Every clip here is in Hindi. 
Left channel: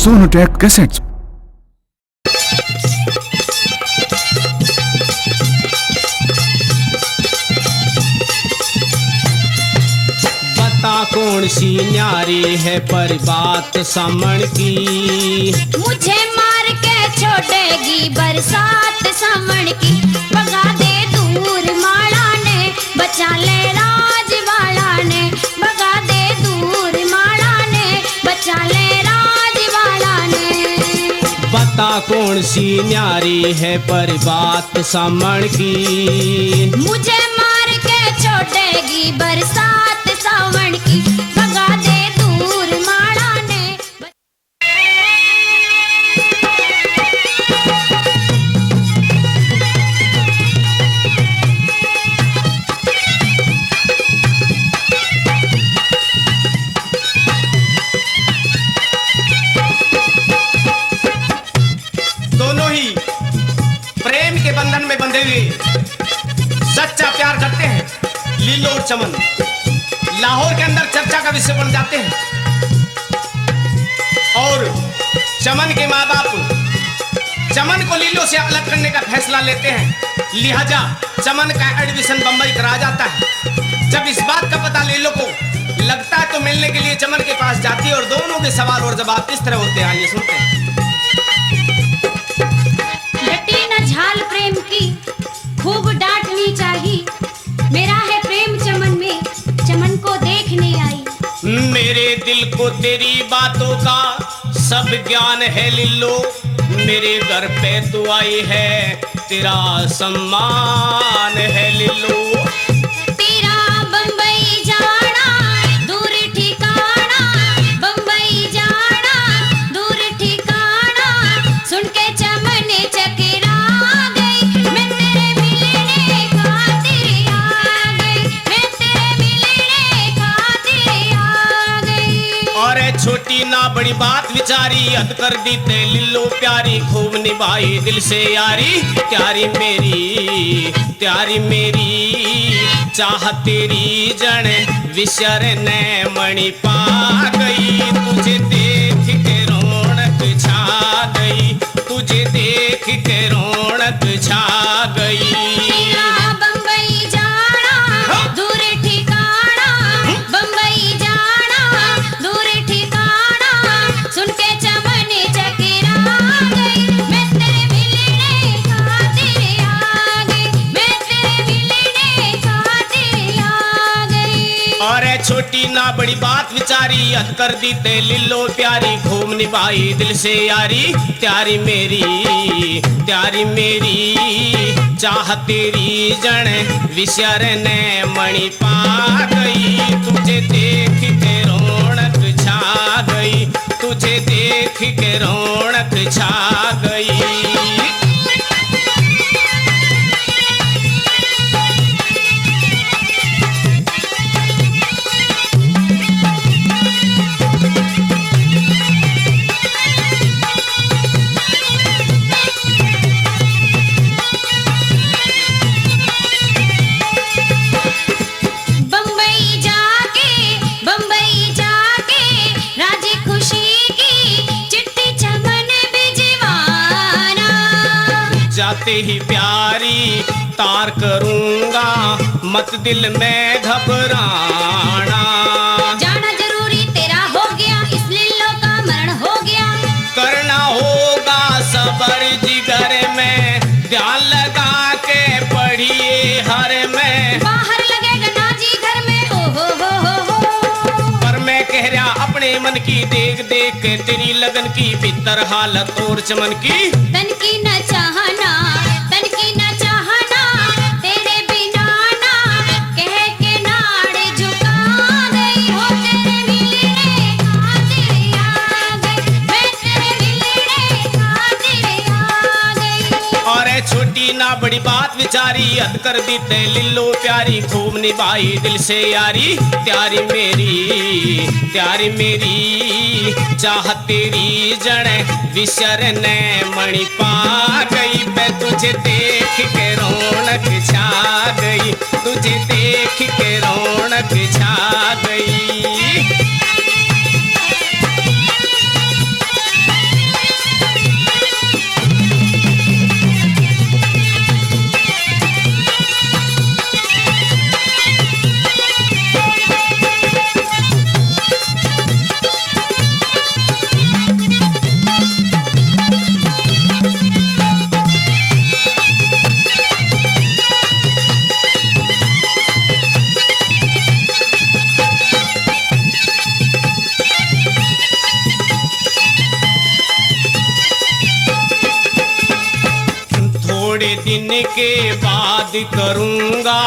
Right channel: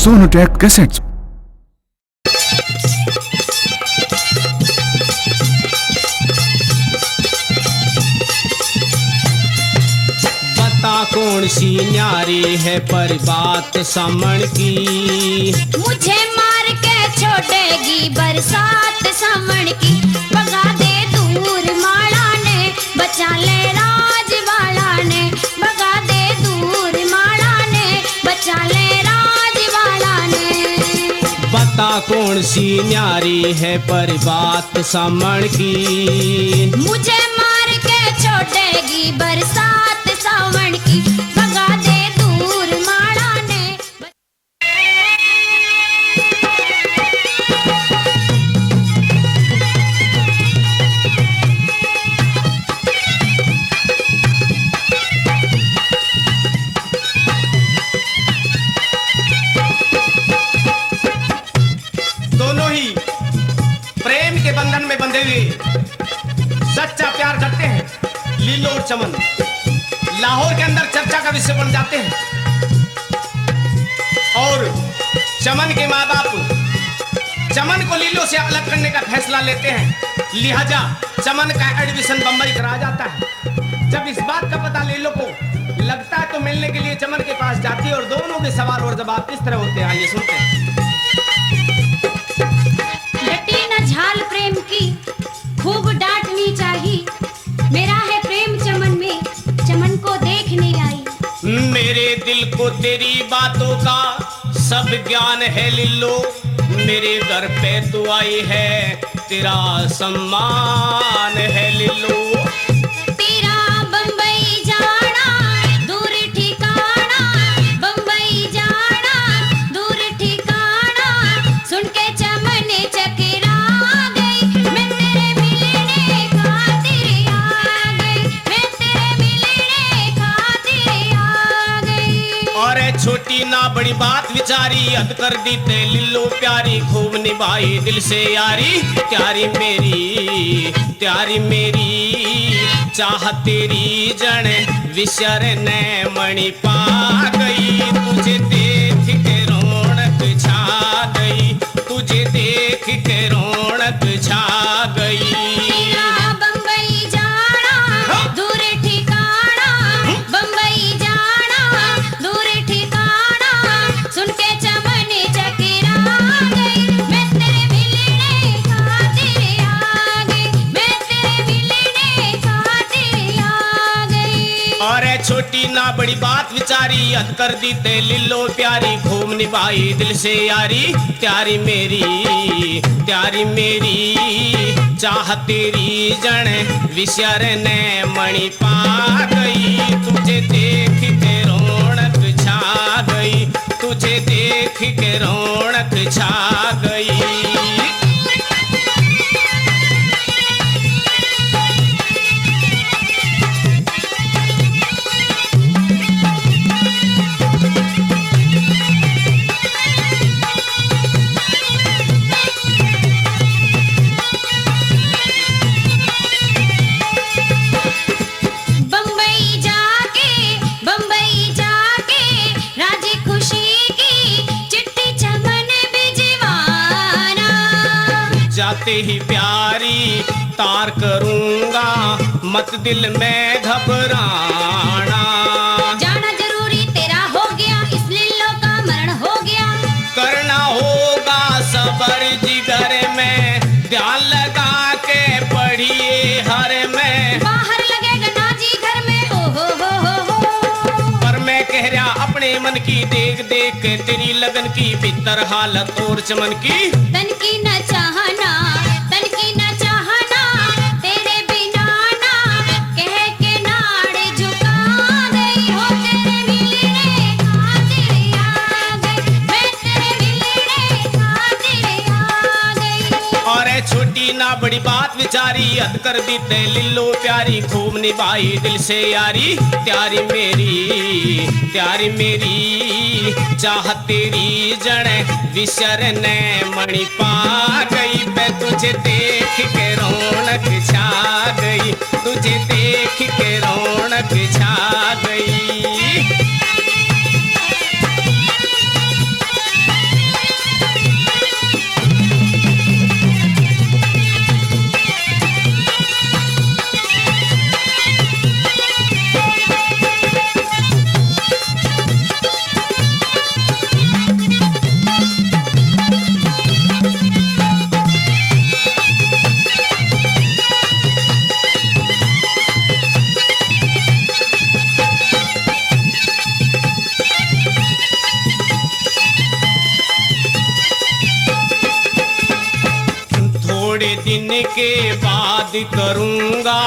Sonotech cassettes. बता कौन सी न्यारी है पर बात समण की, मुझे मार के छोड़ेगी बरसात सावण की। भगा दे दूर माला ने, बचा ले राजवाला ने। भगा दे दूर माला ने, बचा ले राजवाला ने। बता कौन सी न्यारी है पर बात समण की, मुझे मार के छोड़ेगी बरसात सावण की। भगा दे दूर माला ने। दोनों ही प्रेम के बंधन में बंधे हुए सच्चा प्यार करते हैं। लीलो और चमन लाहौर के अंदर चर्चा का विषय बन जाते हैं और चमन के माँ बाप चमन को लीलो से अलग करने का फैसला लेते हैं। लिहाजा चमन का एडमिशन बंबई करा जाता है। जब इस बात का पता लीलो को लगता है तो मिलने के लिए चमन के पास जाती है और दोनों के सवाल और जवाब इस तरह होते हैं। आइए सुनते हैं। लटी न झाल प्रेम की खूब डांटनी चाहिए। मेरा है प्रेम चमन में, चमन को देखने आई। मेरे दिल को तेरी बातों का सब ज्ञान है लिल्लो। मेरे घर पे तू आई है, तेरा सम्मान है लिल्लो। तेरा बम्बई जाना दूर ठिकाना, बम्बई जाना दूर ठिकाना। सुन के चमन चकरा गई, मैं तेरे मिलने खातिर आ गई। मैं तेरे मिलने खातिर आ गई। और छोटी ना बड़ी बात विचारी, हद कर दी ते लिल्लो प्यारी। खूब निभाई दिल से यारी, प्यारी मेरी चाह तेरी जन विसर ने मणि पा गई। तुझे देख के रौनक छा गई, तुझे देख के रौनक छा गई। तेरा बम्बई जाना दूर ठिकाना, बम्बई जाना दूर ठिकाना। सुन के चमन चकरा गई, मैं तेरे मिलने खातिर आ गई। मैं तेरे मिलने खातिर आ गई। और छोटी ना बड़ी बात विचारी, हद कर दी ते लिल्लो प्यारी। खूब निभाई दिल से यारी, प्यारी मेरी चाह तेरी जन विसर ने मणि पा गई। तुझे देख के रौनक छा गई, तुझे देख के रौनक छा गई। बम्बई जाके राजी खुशी की चिट्ठी चमन भिजवाना। जाते ही प्यारी तार करूंगा, मत दिल में घबराना। जाना जरूरी तेरा हो गया, इस लिल्लो का मरण हो गया। करना होगा सबर जिगर में, ध्यान लगा के पढ़िए हर में। बाहर लगेगा नाजी घर में, ओ हो। पर मैं कह रहा अपने मन की, देख देख के तेरी लगन की भीतर हालत और चमन की। तन की न चाहना, तन की न चाहना, तेरे बिना ना कह के नाड़े झुका गई। हो तेरे मिलने खातिर आ गई, मैं तेरे मिलने खातिर आ गई। और छोटी ना बड़ी बात विचारी, हद कर दी ते लिल्लो प्यारी। खूब निभाई दिल से यारी, प्यारी मेरी चाह तेरी जन विसर ने मणि पा गई। मैं तुझे देख के रौनक छा गई, तुझे देख के रौनक छा गई। के बाद करूंगा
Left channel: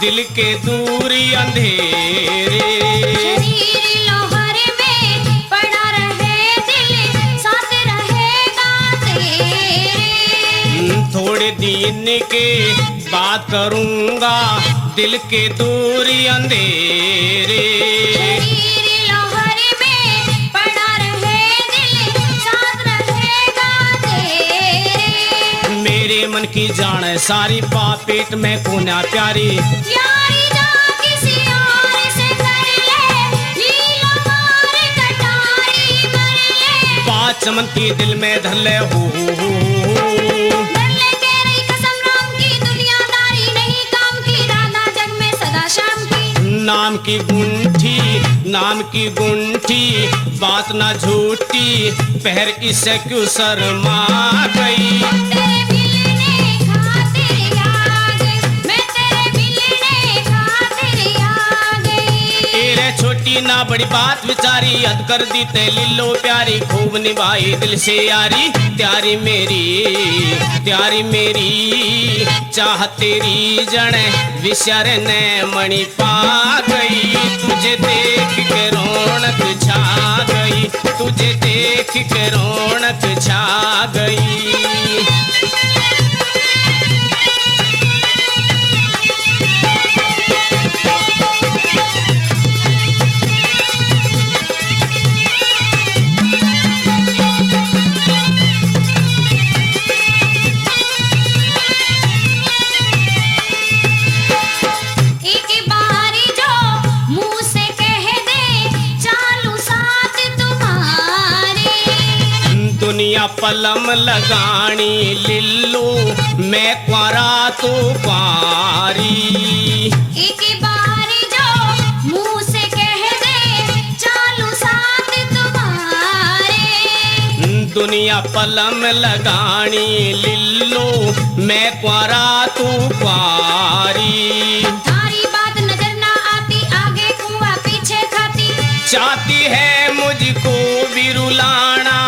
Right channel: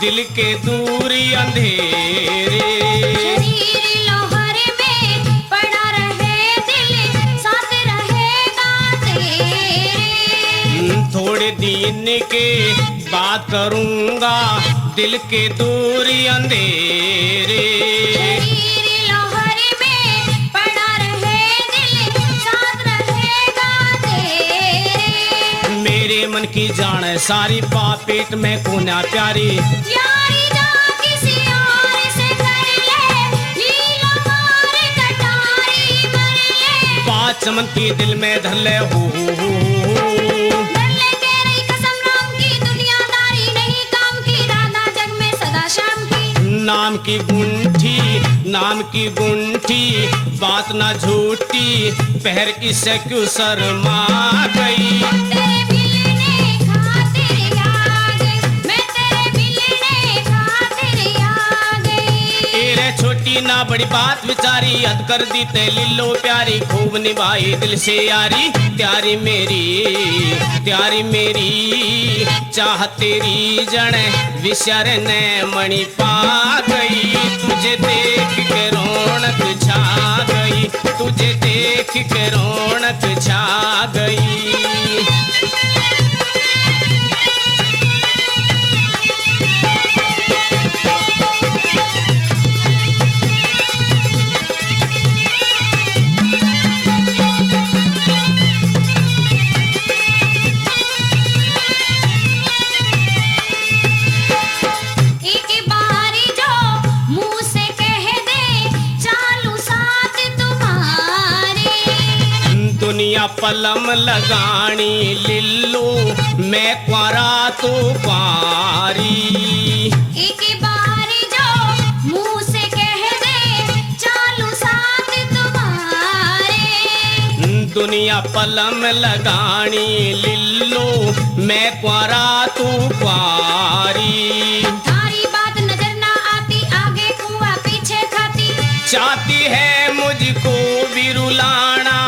दिल के दूरी अंधेरे। शरीर लोहर में पड़ा रहे दिल साथ रहेगा तेरे। थोड़े दिन के बाद करूंगा दिल के दूरी अंधेरे। शरीर लोहर में पड़ा रहे दिल साथ रहेगा तेरे। मेरे मन की जान है सारी पापेट में कोना प्यारी। यारी जा किसी और से कर ले, लीलो मार कटारी कर ले। बात चमन की दिल में धले हो। डर ले कह रही कसम राम की, दुनियादारी नहीं काम की, राधा जग में सदा शाम की। नाम की गुंठी, नाम की गुंठी, बात ना झूठी, पहर इससे क्यों शर्मा गई। तेरे मिलने खातिर आ गई, मैं तेरे मिलने खातिर आ गई। तेरे छोटी ना बड़ी बात विचारी, हद कर दी ते लिल्लो प्यारी, खूब निभाई दिल से यारी। त्यारी मेरी चाह तेरी जड़ विचार ने मणि पा गई। तुझे देख के रौनक छा गई, तुझे देख के रौनक छा गई। एक बारी जो मुंह से कह दे चालू साथ तुम्हारे। दुनिया पलम लगानी लिल्लो, मैं क्वारा तो पारी। एक बारी जो मुंह से कह दे चालू साथ तुम्हारे। दुनिया पलम लगानी लिल्लो, मैं क्वारा तू पारी। तारी बात नजर ना आती, आगे कुआं पीछे खाती। चाहती है मुझको भी रुलाना,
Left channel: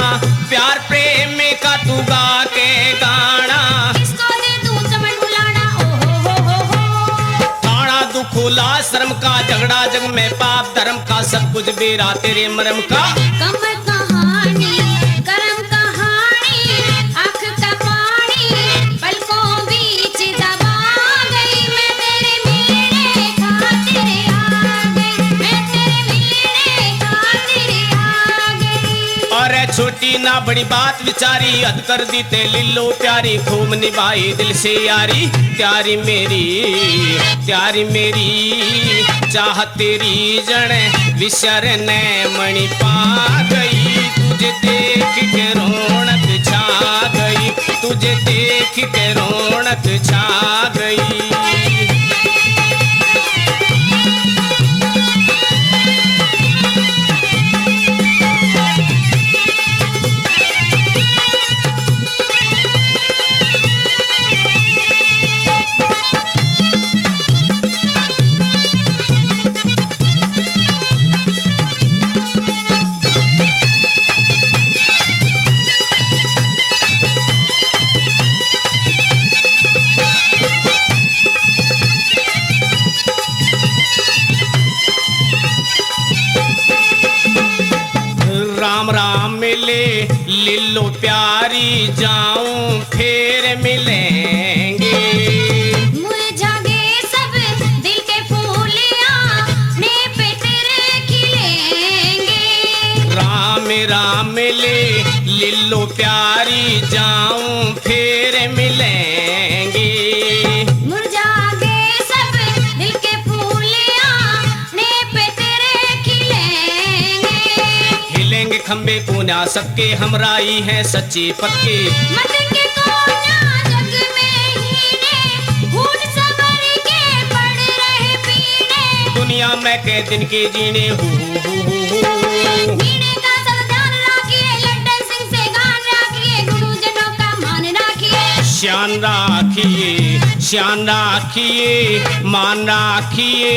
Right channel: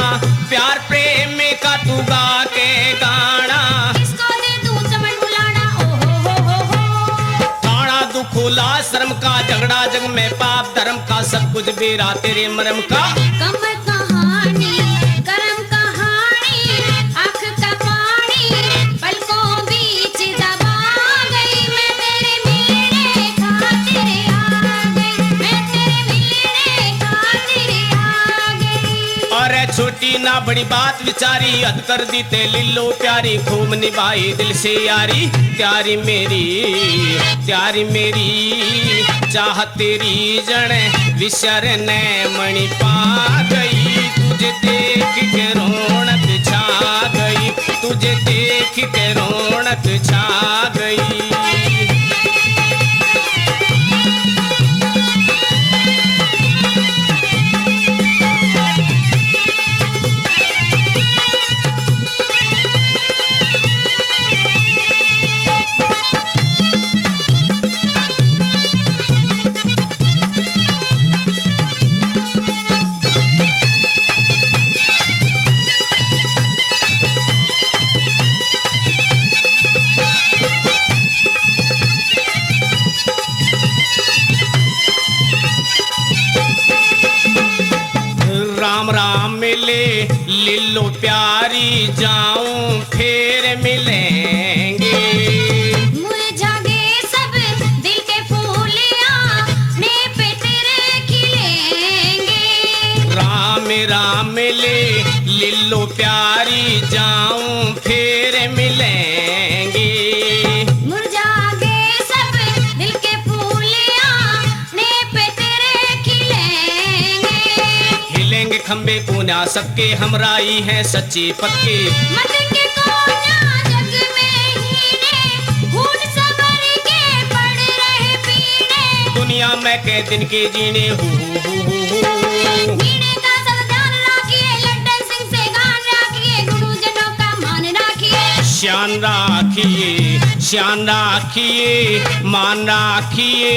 प्यार प्रेम का तू गा के गाना। किसको दे दूं चमन बुलाना, ओ हो। थाना दुखुला शर्म का, झगड़ा जग में पाप धर्म का, सब कुछ बेरा तेरे मरम का। कमर कहानी करम कहानी, आँख का पानी पलकों बीच दबा गई। मैं तेरे मिलने खातिर आ गई, मैं तेरे मिलने खातिर आ गई। और छोटी ना बड़ी बात विचारी, हद कर दी ते लिल्लो प्यारी, खूब निभाई दिल से यारी। त्यारी मेरी चाह तेरी जड़ विसर ने मणि पा गई। तुझे देख के रौनक छा गई, तुझे देख के रौनक छा गई। राम राम मिले लिल्लो प्यारी, जाऊं फिर मिलेंगे। मुरझा गए सब दिल के फूलियां, ने पे तेरे खिलेंगे। राम राम मिले लिल्लो प्यारी, जाऊं फिर मिलेंगे। मुरझा गए सब दिल के फूलियां, ने पे तेरे खिलेंगे। हिलेंगे खंबे पूना सबके, हमराई है सच्ची पक्के। मत के कोना जग में हीने, घूट सबर के पड़ रहे पीने। दुनिया में के दिन के जीने हो। मीणे का सब ध्यान रखिए, लड्डन सिंह से गान रखिए, गुरुजनों का मान रखिए। शान राखिए मान राखिए,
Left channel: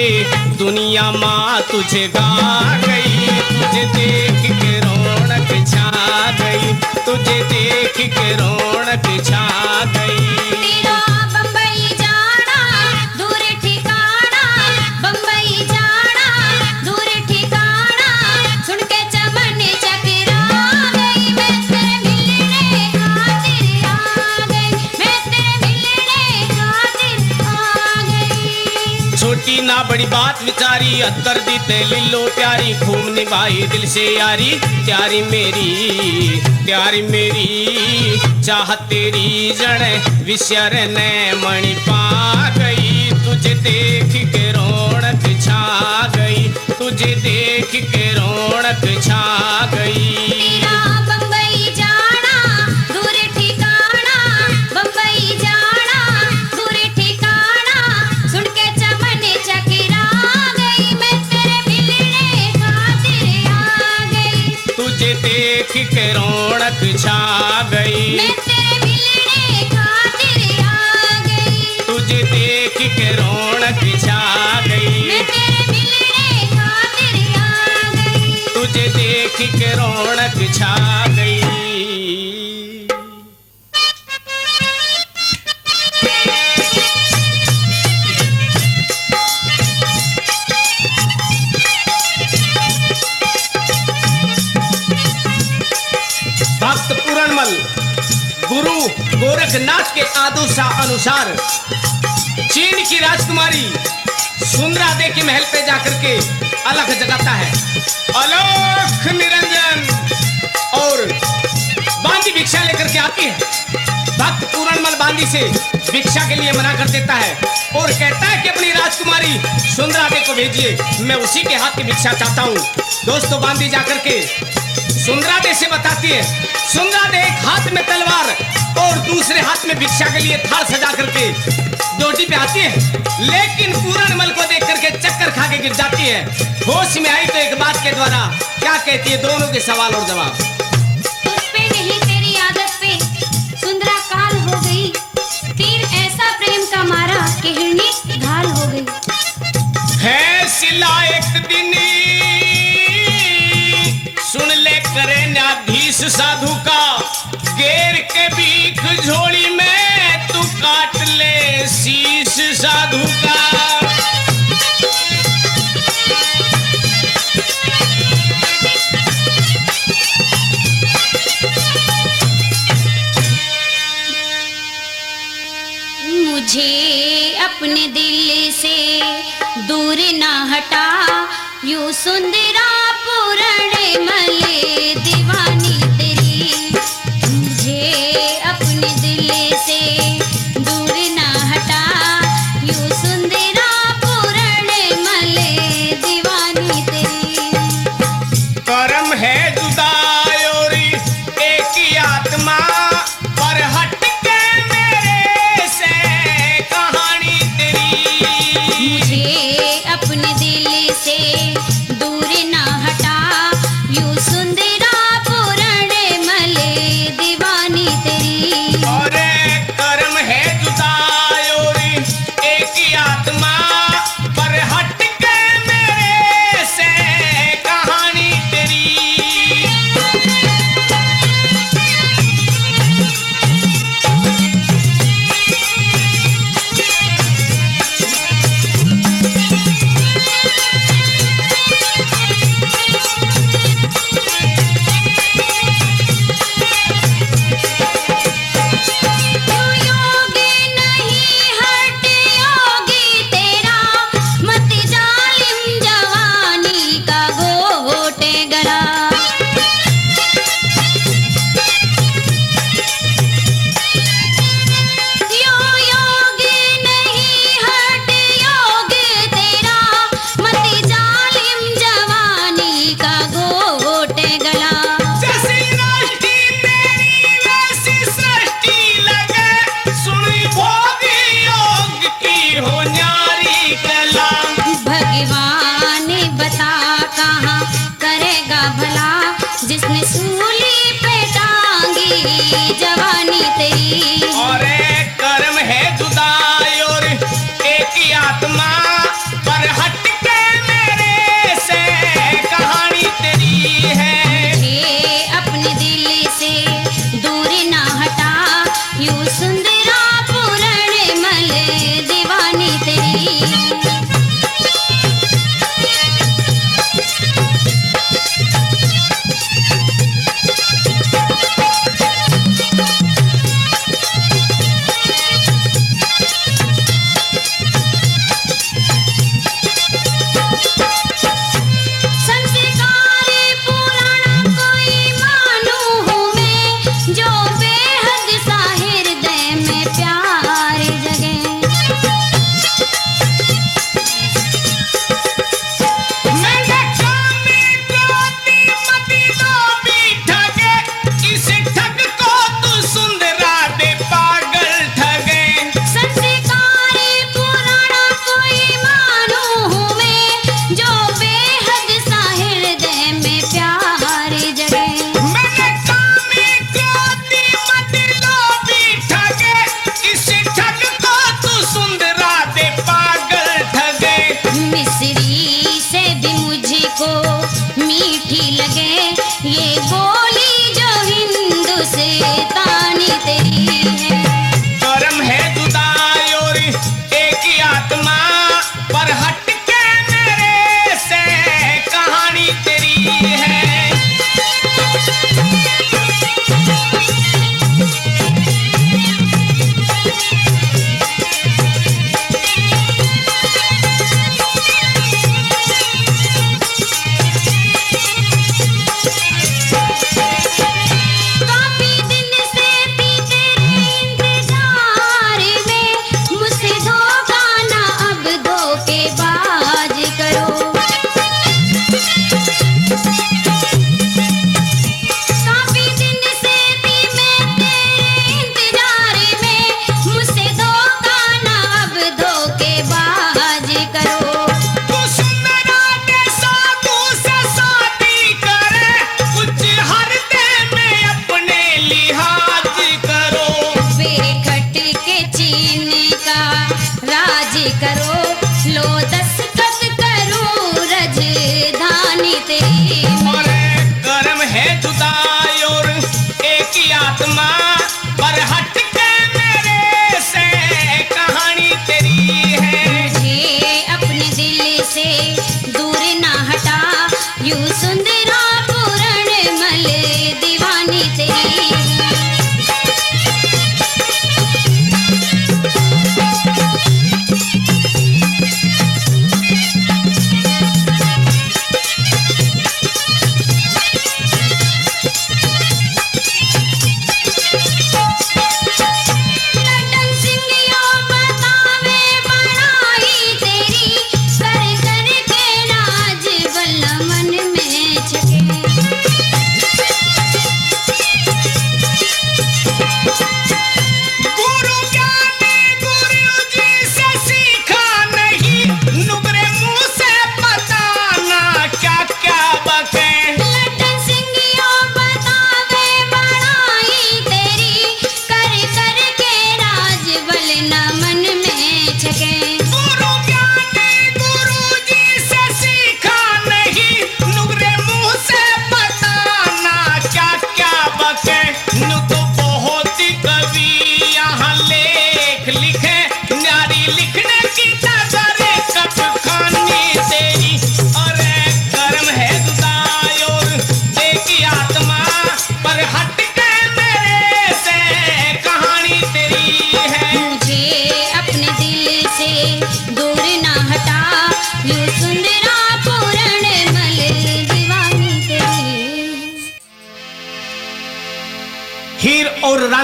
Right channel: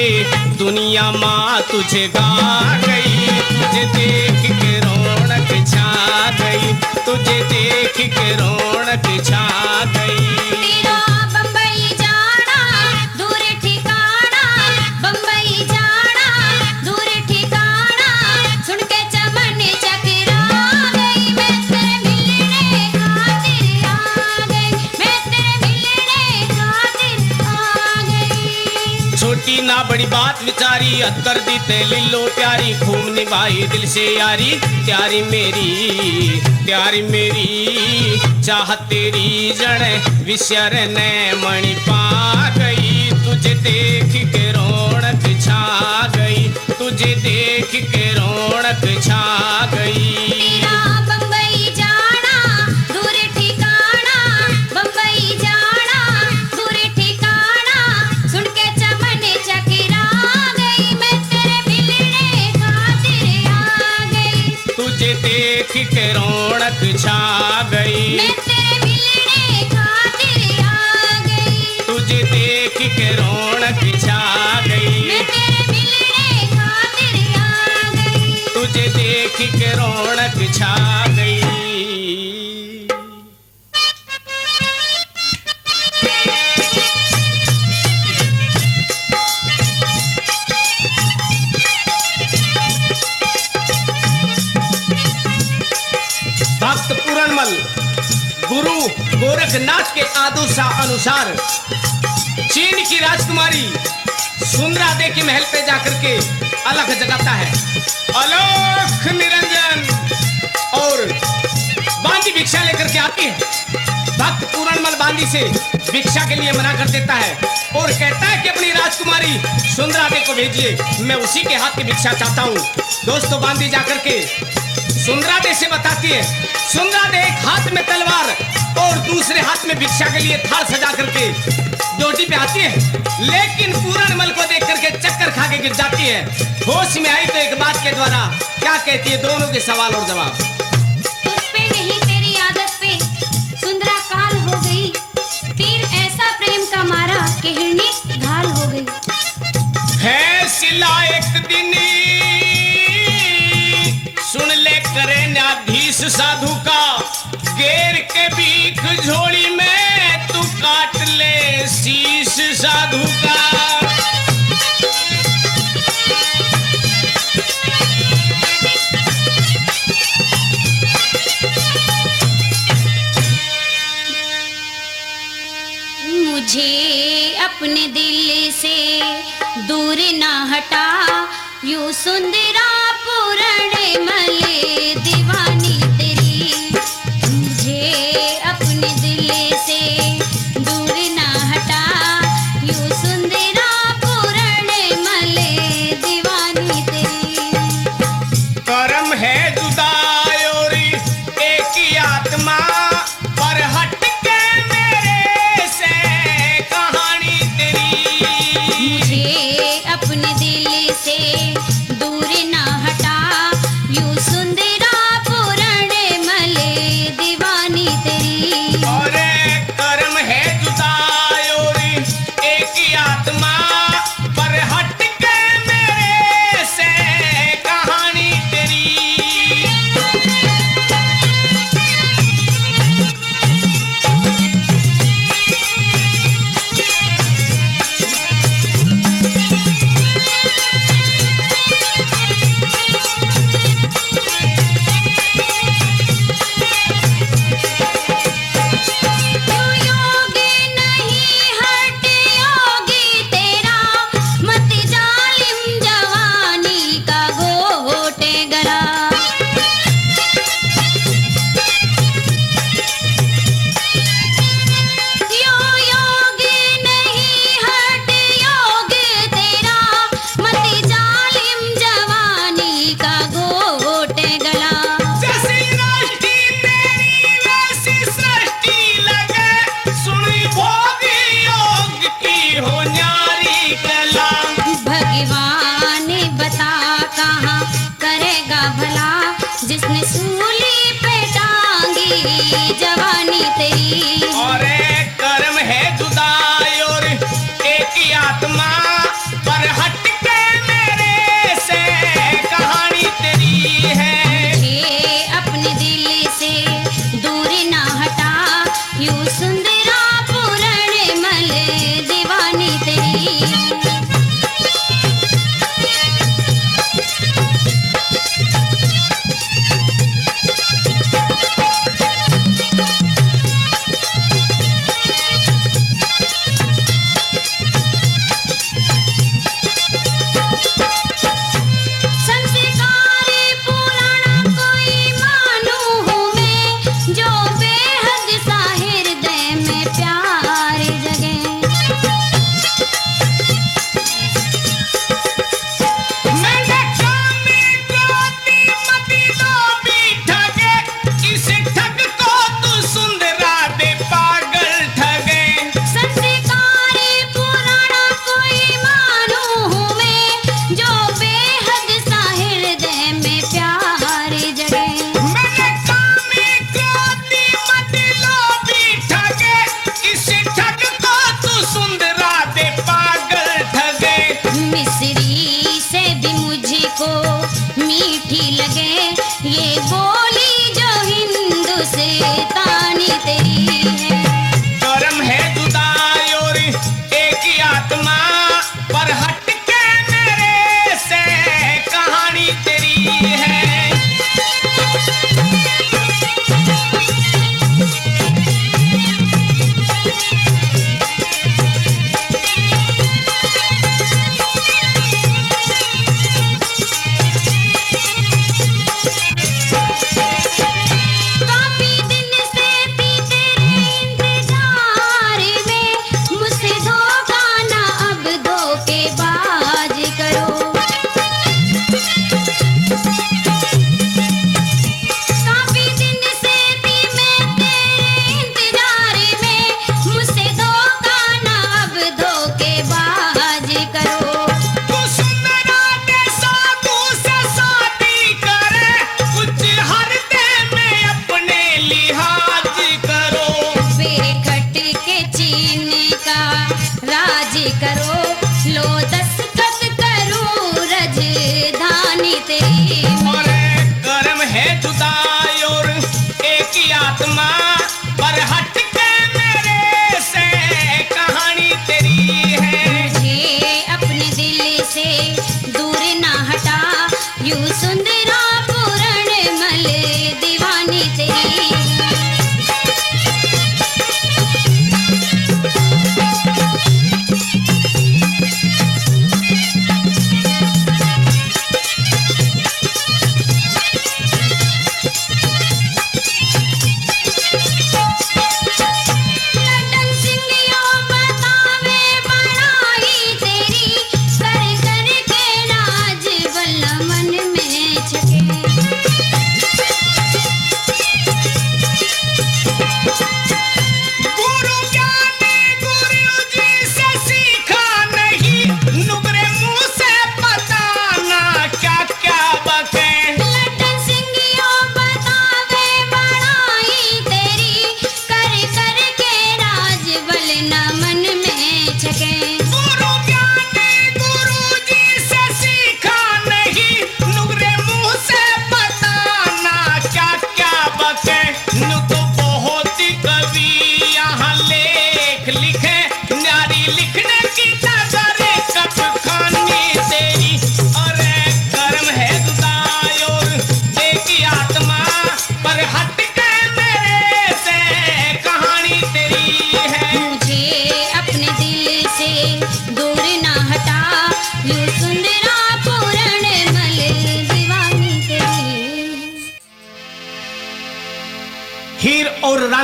दुनिया माँ तुझे गा गई। तुझे देख के रौनक छा गई, तुझे देख के रौनक छा गई। तेरा छोटी ना बड़ी बात विचारी, अत्तर दी ते लिलो प्यारी, खूब निभाई दिल से यारी, प्यारी मेरी चाहत तेरी जड़ विश्यर ने मणि पा गई, तुझे देख के रौनक छा गई, तुझे देख के रौनक छा गई। तेरा बम्बई जाना दूर ठिकाना, बम्बई जाना दूर ठिकाना, सुन के चमन चकरा गई, मैं तेरे मिलने खातिर आ गई, तुझे देख के रौनक छा गई, मैं तेरे मिलने खातिर आ गई, तुझे देख के रौनक छा गई, मैं तेरे मिलने खातिर आ गई। तुझे देख के रौनक छा गई। भक्त पूरणमल गुरु गोरखनाथ के आदेश अनुसार चीन की राजकुमारी सुंदरा दे के महल पे जाकर के अलख जगाता है, अलख निरंजन, और बांदी भिक्षा लेकर के आती है। भक्त पूरणमल बांदी से भिक्षा के लिए मना कर देता है और कहता है कि अपनी राजकुमारी सुंदरा दे को भेजिए, मैं उसी के हाथ की भिक्षा चाहता हूँ। दोस्तों, बांदी जाकर के सुंदरा दे से बताती है। सुंदरा दे एक हाथ में तलवार और दूसरे हाथ में भिक्षा के लिए थाल सजा करके डोटी पे आती है, लेकिन पूरणमल को देख करके चक्कर खा के गिर जाती है। होश में आई तो एक बात के द्वारा क्या कहती है, दोनों के सवाल और जवाब। उस पे नहीं तेरी आदत पे सुंदरा काल हो गई, तीर ऐसा प्रेम का मारा कि हिरनी घायल हो गई। है सिला एक दिन सुन ले करे न्याधीश साधु का, गेर के बीख झोली में तू काट ले शीश साधु का। मुझे अपने दिल से दूर ना हटा, यूं सुंदरा पूरणमल दीवानी तेरी, मुझे अपने दिल से दूर ना हटा, यूं सुंदरा पूरणमल दीवानी तेरी। कर्म है जुदाई और एक ही आत्मा, पर हट के मेरे से कहानी तेरी। मुझे अपने दिल से दूर ना हटा, यूं सुंदरा पूरणमल दीवानी तेरी। और कर्म है जुदाई और एक ही आत्मा, पर हट के मेरे से कहानी तेरी। क्यों योगी नहीं हट योगी तेरा, मत जालिम जवानी का घोटे गला। क्यों योगी नहीं हट योगी तेरा, मत जालिम जवानी का घोटे गला। जैसी सृष्टि तेरी वैसी सृष्टि लगे, सुनी भोगी योग की हो न्यारी कला। भगवान बता कहाँ करेगा भला, जिसने सूली पे टांगी जवानी तेरी। और कर्म है जुदाई और एक ही आत्मा, पर हट के मेरे से कहानी तेरी है। मुझे अपने दिल से दूर ना हटा, यूं सुंदरा पूरणमल दीवानी तेरी।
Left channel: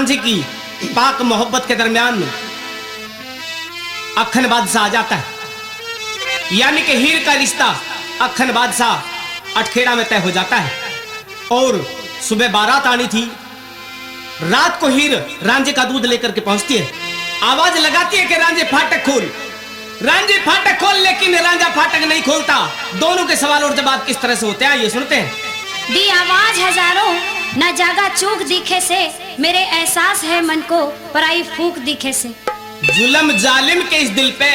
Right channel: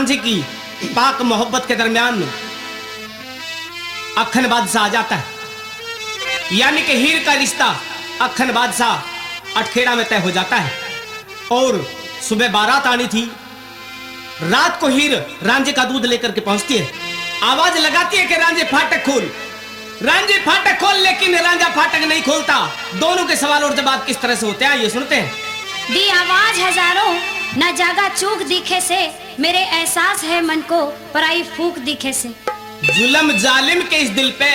रांझी की पाक मोहब्बत के दरमियान अखन बादशाह आ जाता है, यानी कि हीर का रिश्ता अखन बादशाह अटखेड़ा में तय हो जाता है। और सुबह बारात आनी थी, रात को हीर रांझे का दूध लेकर के पहुंचती है, आवाज लगाती है कि रांझे फाटक खोल, रांझे फाटक खोल, लेकिन रांझा फाटक नहीं खोलता। दोनों के सवाल और जवाब किस तरह से होते हैं ये सुनते हैं। दी आवाज हजारों न जागा चूक दिखे से, मेरे एहसास है मन को पराई फूक दिखे से। जुल्म जालिम के इस दिल पे,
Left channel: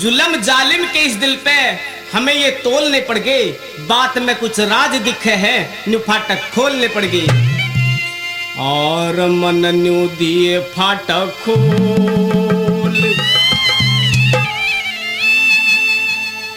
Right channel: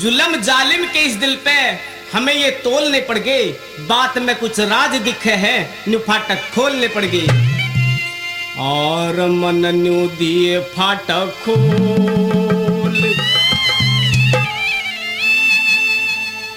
जुल्म जालिम के इस दिल पे हमें ये तोलने पड़ गए, बात में कुछ राज दिखे है, न्यू फाटक खोलने पड़ गए। और मन न्यू दिए फाटक खोल,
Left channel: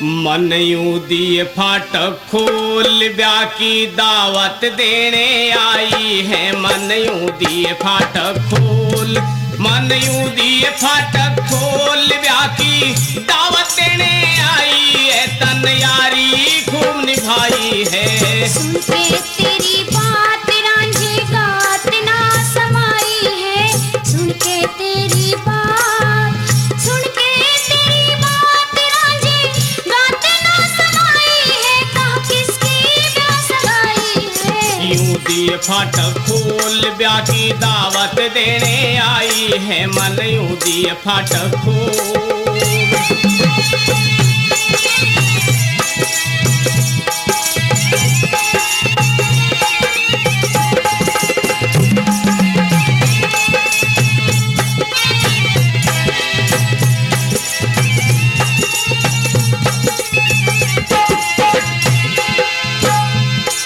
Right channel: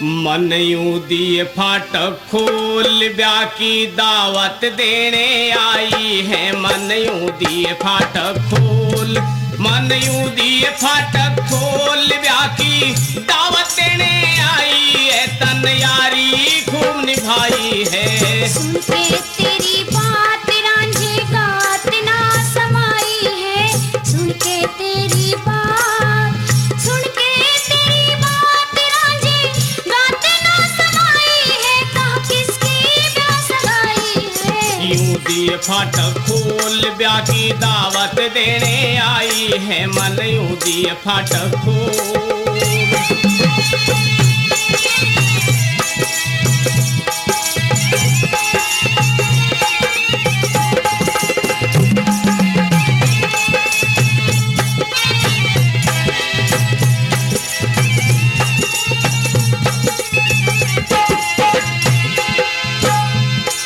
मन यूं दिए फाटक खोल, ब्याह की दावत देने आई है। मन यूं दिए फाटक खोल, मन यूं दिए फाटक खोल, ब्याह की दावत देने आई है। तन यारी खूब निभाई है। सुन के तेरी बात रांझे गात ना समाई है, सुन के तेरी बात, सुन के तेरी बात रांझे गात ना समाई है। कहा किसकी प्यास लगाई है। यूं दिए फाटक खोल, ब्याह की दावत देने आई है। मन यूं दिए फाटक खोल।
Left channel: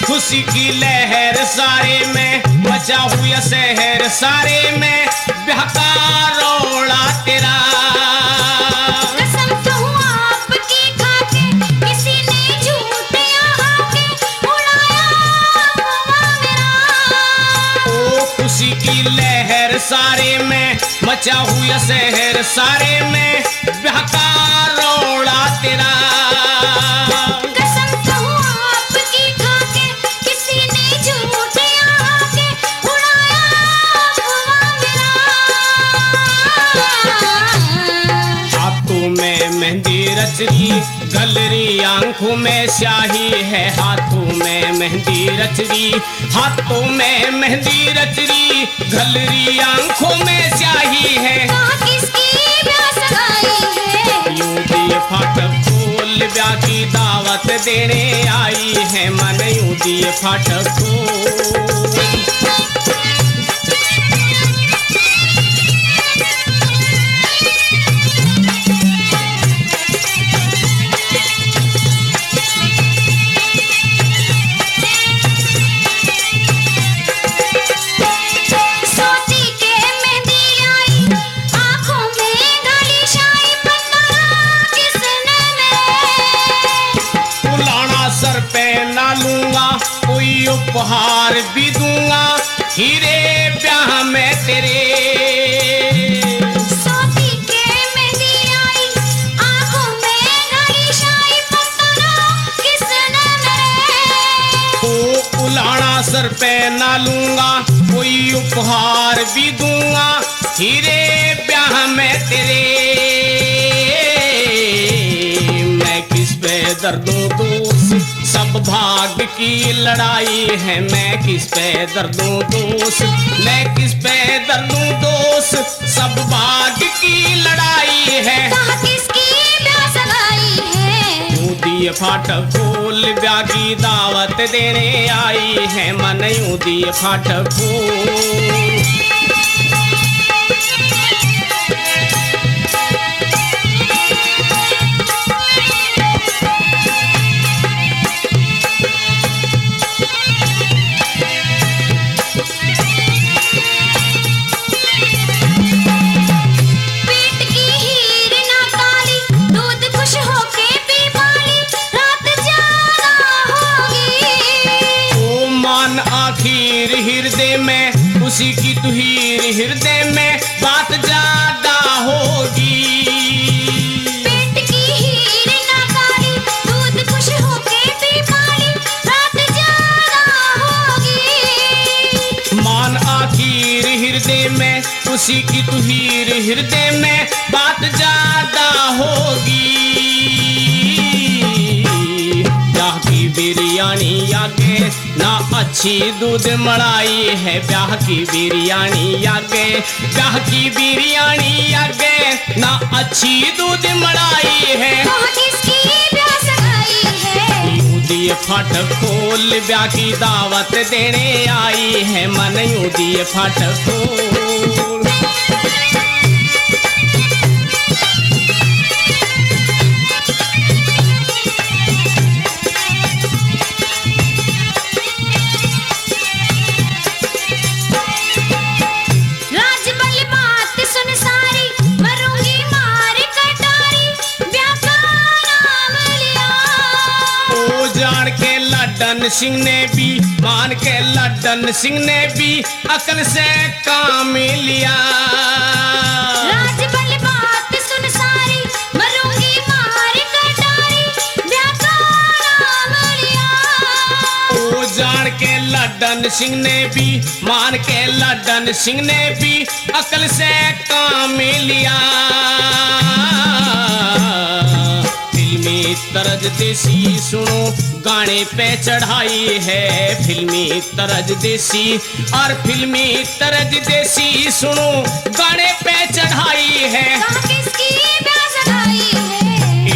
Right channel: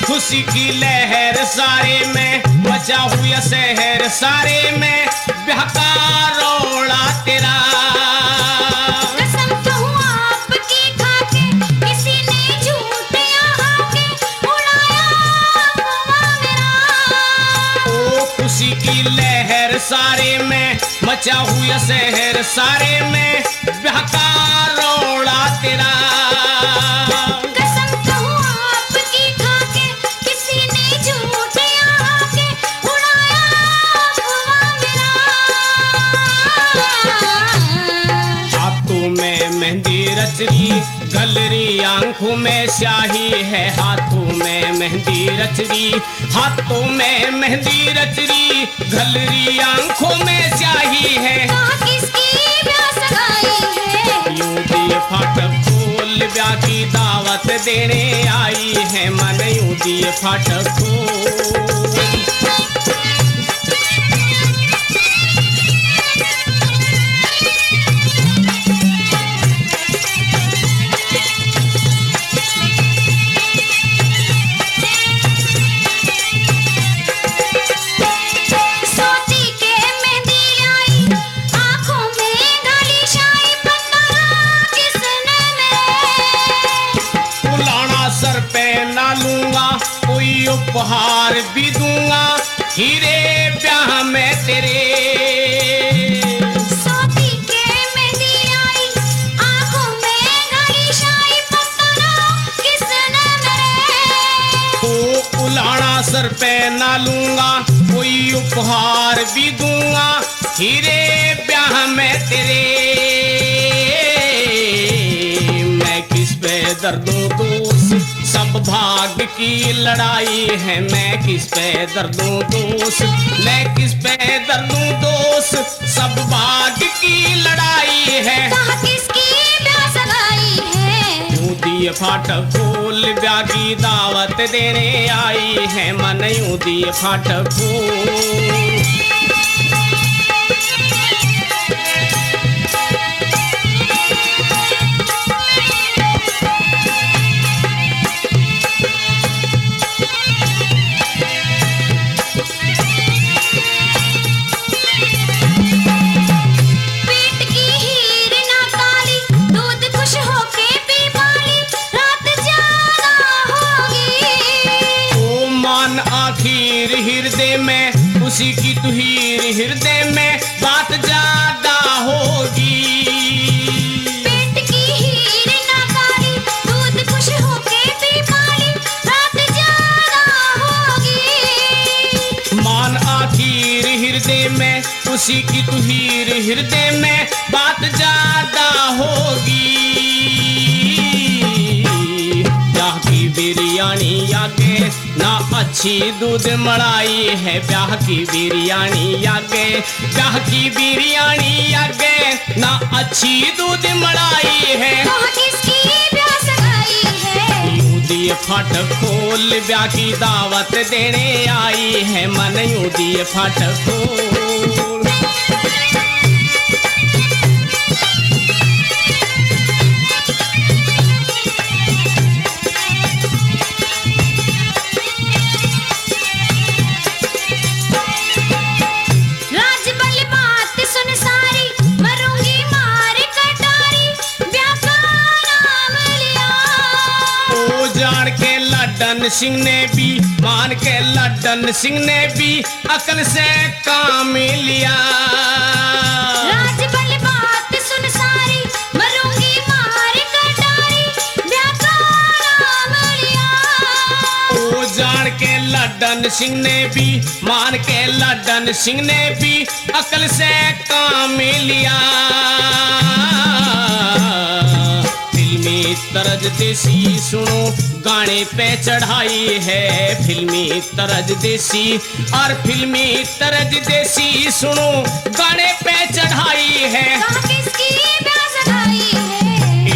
खुशी की लहर सारे में मचा हुआ शहर सारे में, ब्याह का रोड़ा तेरा। कसम कहूं आपकी खाके, किसी ने झूठ यहाँ के उड़ाया अफवाह मेरा। ओ खुशी की लहर सारे में मचा हुआ शहर सारे में, ब्याह का रोड़ा तेरा। कसम कहूं आपकी खाके, किसी ने झूठ यहाँ के उड़ाया अफवाह मेरा। हाथों में मेहंदी रचरी, गलरी आंखों में स्याही है। हाथों में मेहंदी रचरी, हाथों में मेहंदी रचरी, गलरी आंखों में स्याही है। कहा किसकी प्यास लगाई है। यूं दिए फाटक खोल, ब्याह की दावत देने आई है। मन यूं दिए फाटक खोल। सोती के मेहंदी आई, आँखों में गाली शाई, पता किसने मेरे। उलाना सर पे ना लूंगा, कोई उपहार भी दूंगा, हीरे ब्याह में तेरे। सोती के मेहंदी आई, आँखों में गाली शाई, पता किसने मेरे। ओ उलाना सर पे ना लूंगा, कोई उपहार भी दूंगा, हीरे ब्याह में तेरे। मैं किस पे दर्दों दोष, सब भाग की लड़ाई है। मैं किस पे दर्दों दोष, मैं किस पे दर्दों दोष, सब भाग की लड़ाई है। कहा किसकी प्यास लगाई है। यूं दिए फाटक खोल, ब्याह की दावत देने आई है। मन यूं दिए फाटक खोल। पेट की हीर ना काली, दूध खुश होके पी पाली, रात ज्यादा होगी। ओ मान आखिर हृदय में, उसी की तू हीर हृदय में, बात ज्यादा होगी। पेट की हीर ना काली, दूध खुश होके पी पाली, रात ज्यादा होगी। मान आखिर हृदय किसी की तू हीर हृदय में बात ज्यादा होगी। ब्याह की बिरयानी आगे ना अच्छी दूध मलाई है, ब्याह की बिरयानी आगे, ब्याह की बिरयानी आगे ना अच्छी दूध मलाई है। कहाँ किसकी ब्याह सगाई है, यूं दिए फाटक खोल ब्याह की दावत देने आई है, मन यूं दिए फाटक खोल। राजबल बात सुन सारी, मरूंगी मार कटारी, ब्याह का नाम लिया। ओ जान के लड्डन सिंह ने भी, मान के लड्डन सिंह ने भी अकल से काम लिया। राजबल बात सुन सारी, मरूंगी मार कटारी, ब्याह का नाम लिया। ओ जान के लड्डन सिंह ने भी, मान के लड्डन सिंह ने भी अकल से काम लिया। फिल्मी तरज देसी सुनो गाने पे चढ़ाई है, फिल्मी तरज देसी और फिल्मी तरज देसी सुनो गाने पे चढ़ाई है। कहाँ किसकी ब्याह सगाई है,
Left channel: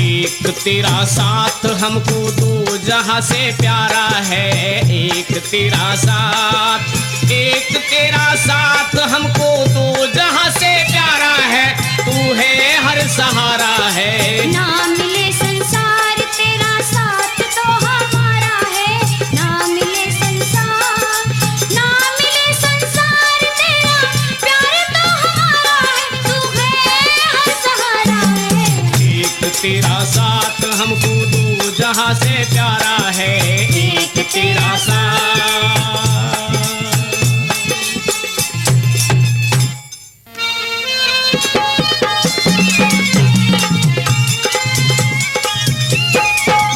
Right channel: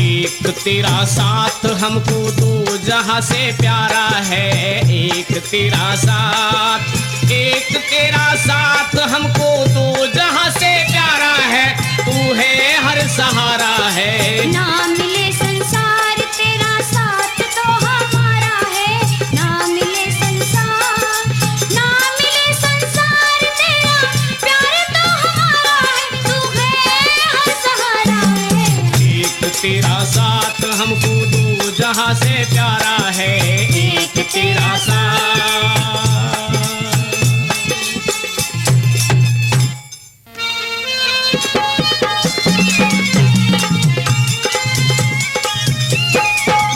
एक तेरा साथ हमको दो जहां से प्यारा है, एक तेरा साथ, एक तेरा साथ हमको दो जहां से प्यारा है, तू है हर सहारा है। ना मिले संसार तेरा साथ तो हमारा है, ना मिले संसार, ना मिले संसार तेरा प्यार तो हमारा है, तू है हर सहारा है। एक तेरा साथ हमको दो जहां से प्यारा है, एक तेरा साथ।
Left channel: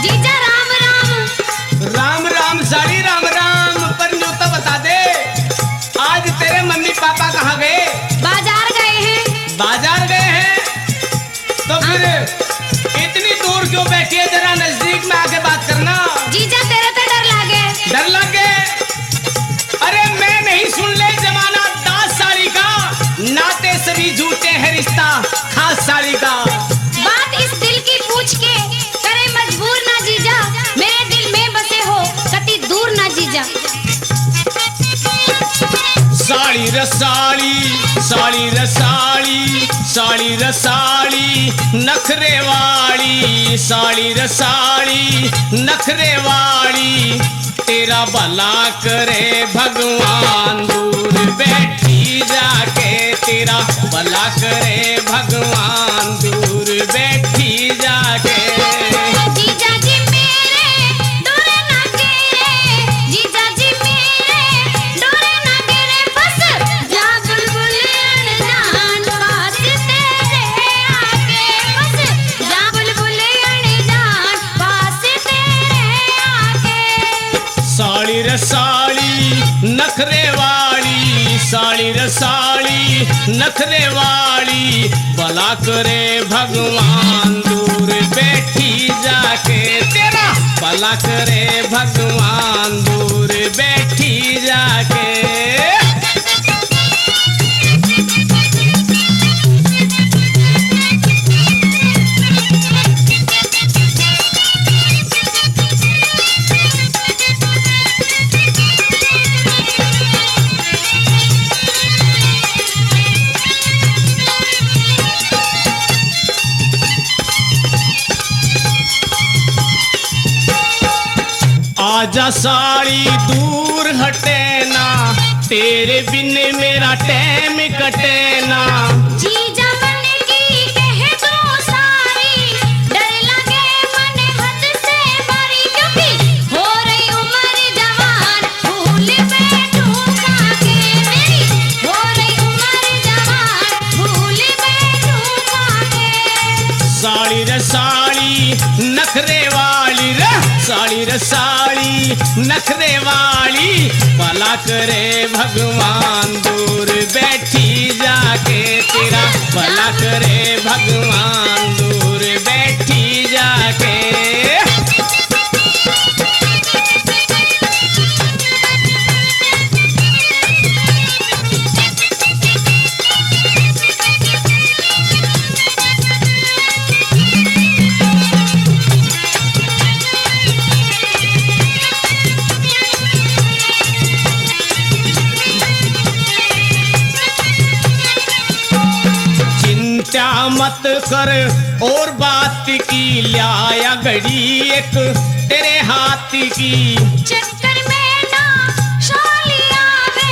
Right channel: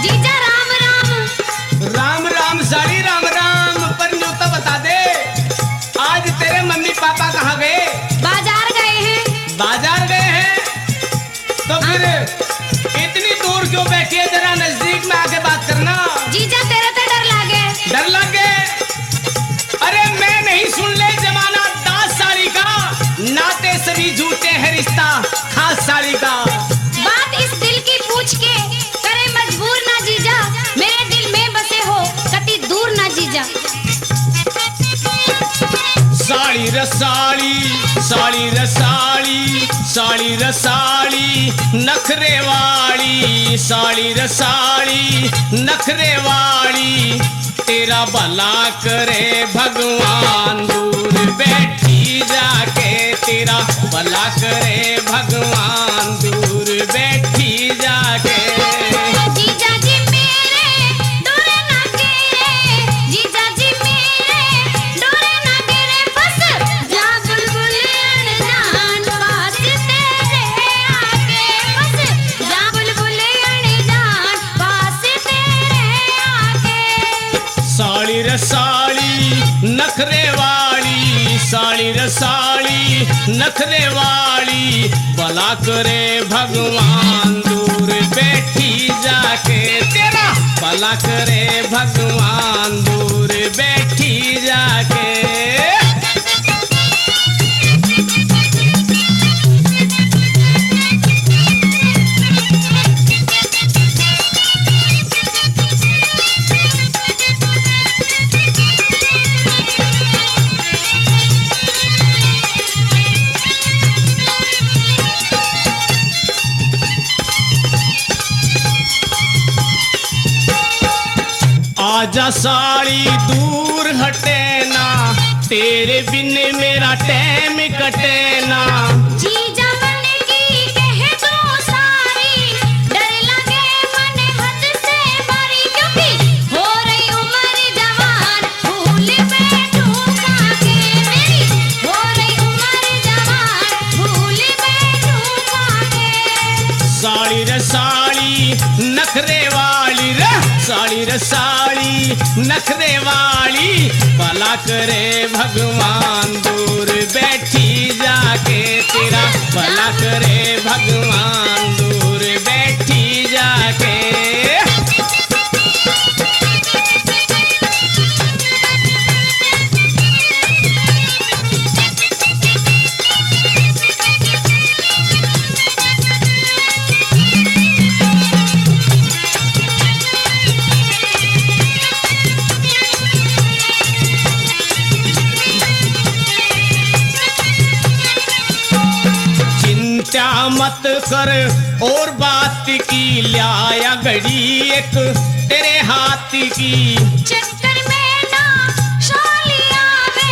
जीजा राम राम, राम राम साड़ी राम राम। पर यूं तो बता दे, आज तेरे मम्मी पापा कहाँ गए? बाजार गए हैं। बाजार गए हैं? तो फिर इतनी दूर क्यों बैठी है? जरा नजदीक में आके बात करना। जीजा तेरे पे डर लागे, डर लग गए? अरे मैं नहीं सुन ले जमाना दास साड़ी का, नाते सभी झूठे हैं रिश्ता खास साड़ी का। बात इस दिल की पूछ के करे मजबूर ना जीजा, मेरे दिल में बसे हो कति दूर ना जीजा। साड़ी रसाड़ी, साड़ी रसाड़ी, साड़ी रसाड़ी नखरे वाली, साड़ी रसाड़ी नखरे वाली, तेरा भला करे भगवान दूर बैठी जाके, तेरा भला करे भगवान दूर बैठी जाके। जीजा जी मेरे डोरे ना गिरे, जीजा जी मेरे डोरे ना गिरे, बस जा बुलबुल अनजान पास तेरे आके, बस जा बुलबुल अनजान पास तेरे आके। साड़ी रसाड़ी नखरे वाली, साड़ी रसाड़ी नखरे वाली, भला करे भगवान दूर बैठी जाके, तेरा भला करे भगवान दूर बैठी जाके। आजा साड़ी दूर हटे ना, तेरे बिन मेरा टाइम कटे ना। जीजा मन की कह दो सारी, डर लगे मन हद से बारी, क्योंकि हो रही उम्र जवान, भूल बैठूंगा के मेरी, हो रही उम्र जवान, भूल बैठूंगा के। साड़ी रसाड़ी नखरे वाली रे, साड़ी रसाड़ी नखरे वाली, भला करे भगवान दूर बैठी जाके। भला करे भगवान दूर बैठी जाके। चिंता मत कर और बात की, लाया घड़ी एक तेरे हाथ की। चक्कर में ना शालिया रे,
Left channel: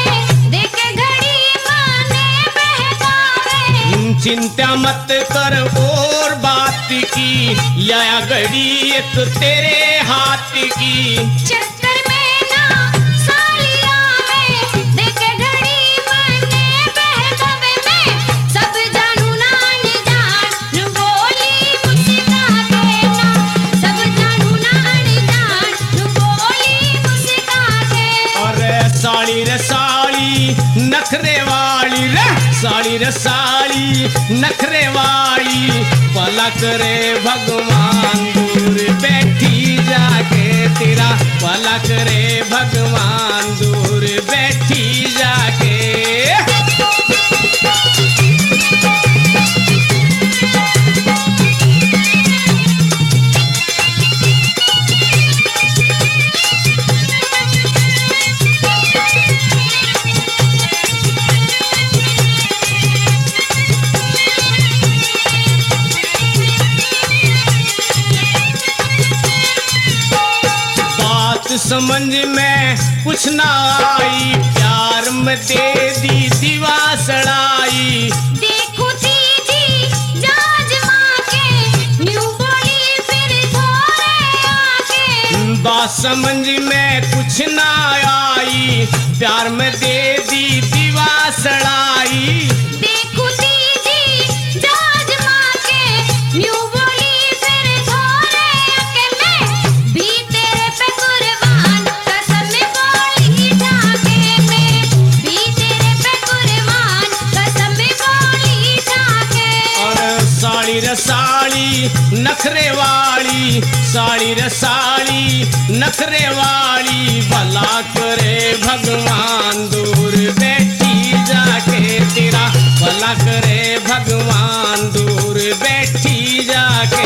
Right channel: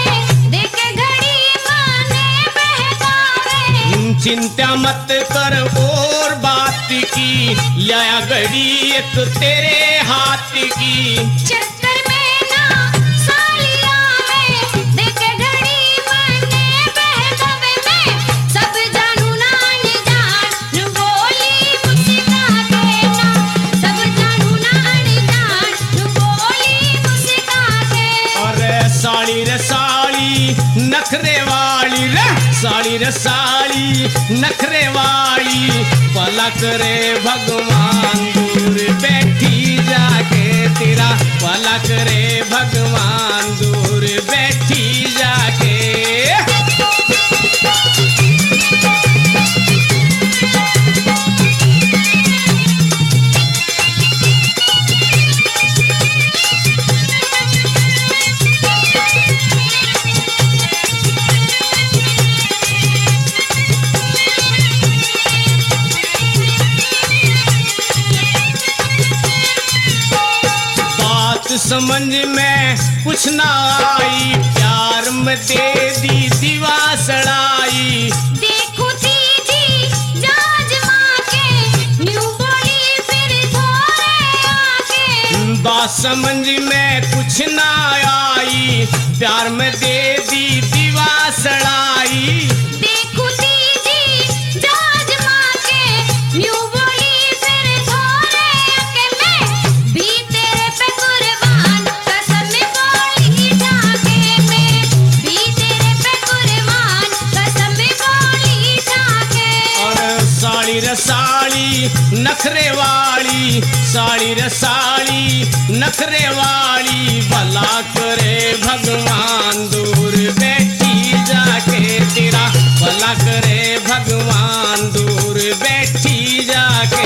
देख घड़ी माने बहकावे। चिंता मत कर और बात की, लाया घड़ी एक तेरे हाथ की। चक्कर में ना शालिया रे, देख घड़ी माने बहकावे। मैं सब जानू ना अनजान बोली मुस्का के ना, सब जानू ना अनजान बोली मुस्का के। और साड़ी रे साड़ी नखरे वाली रे, साड़ी रे साड़ी नखरे वाली, भला करे भगवान दूर बैठी जाके तेरा, भला करे भगवान दूर बैठी जाके। समझ में कुछ ना आई, प्यार में दे दी दीवा सड़ाई। देखो दीदी जाज माँ के, न्यू बोली फिर थोड़े आगे। बात समझ में कुछ ना आई, प्यार में दे दी दीवा सड़ाई। देखो दीदी जाज माँ के, न्यू बोली फिर थोड़े आगे। मैं भी तेरे पे कुर्बान कसम बोली जाके, मैं भी तेरे पे कुर्बान कसम बोली जाके। और साड़ी रे साड़ी नखरे वाली, साड़ी रे साड़ी नखरे वाली, भला करे भगवान दूर बैठी जाके तेरा, भला करे भगवान दूर बैठी जाके।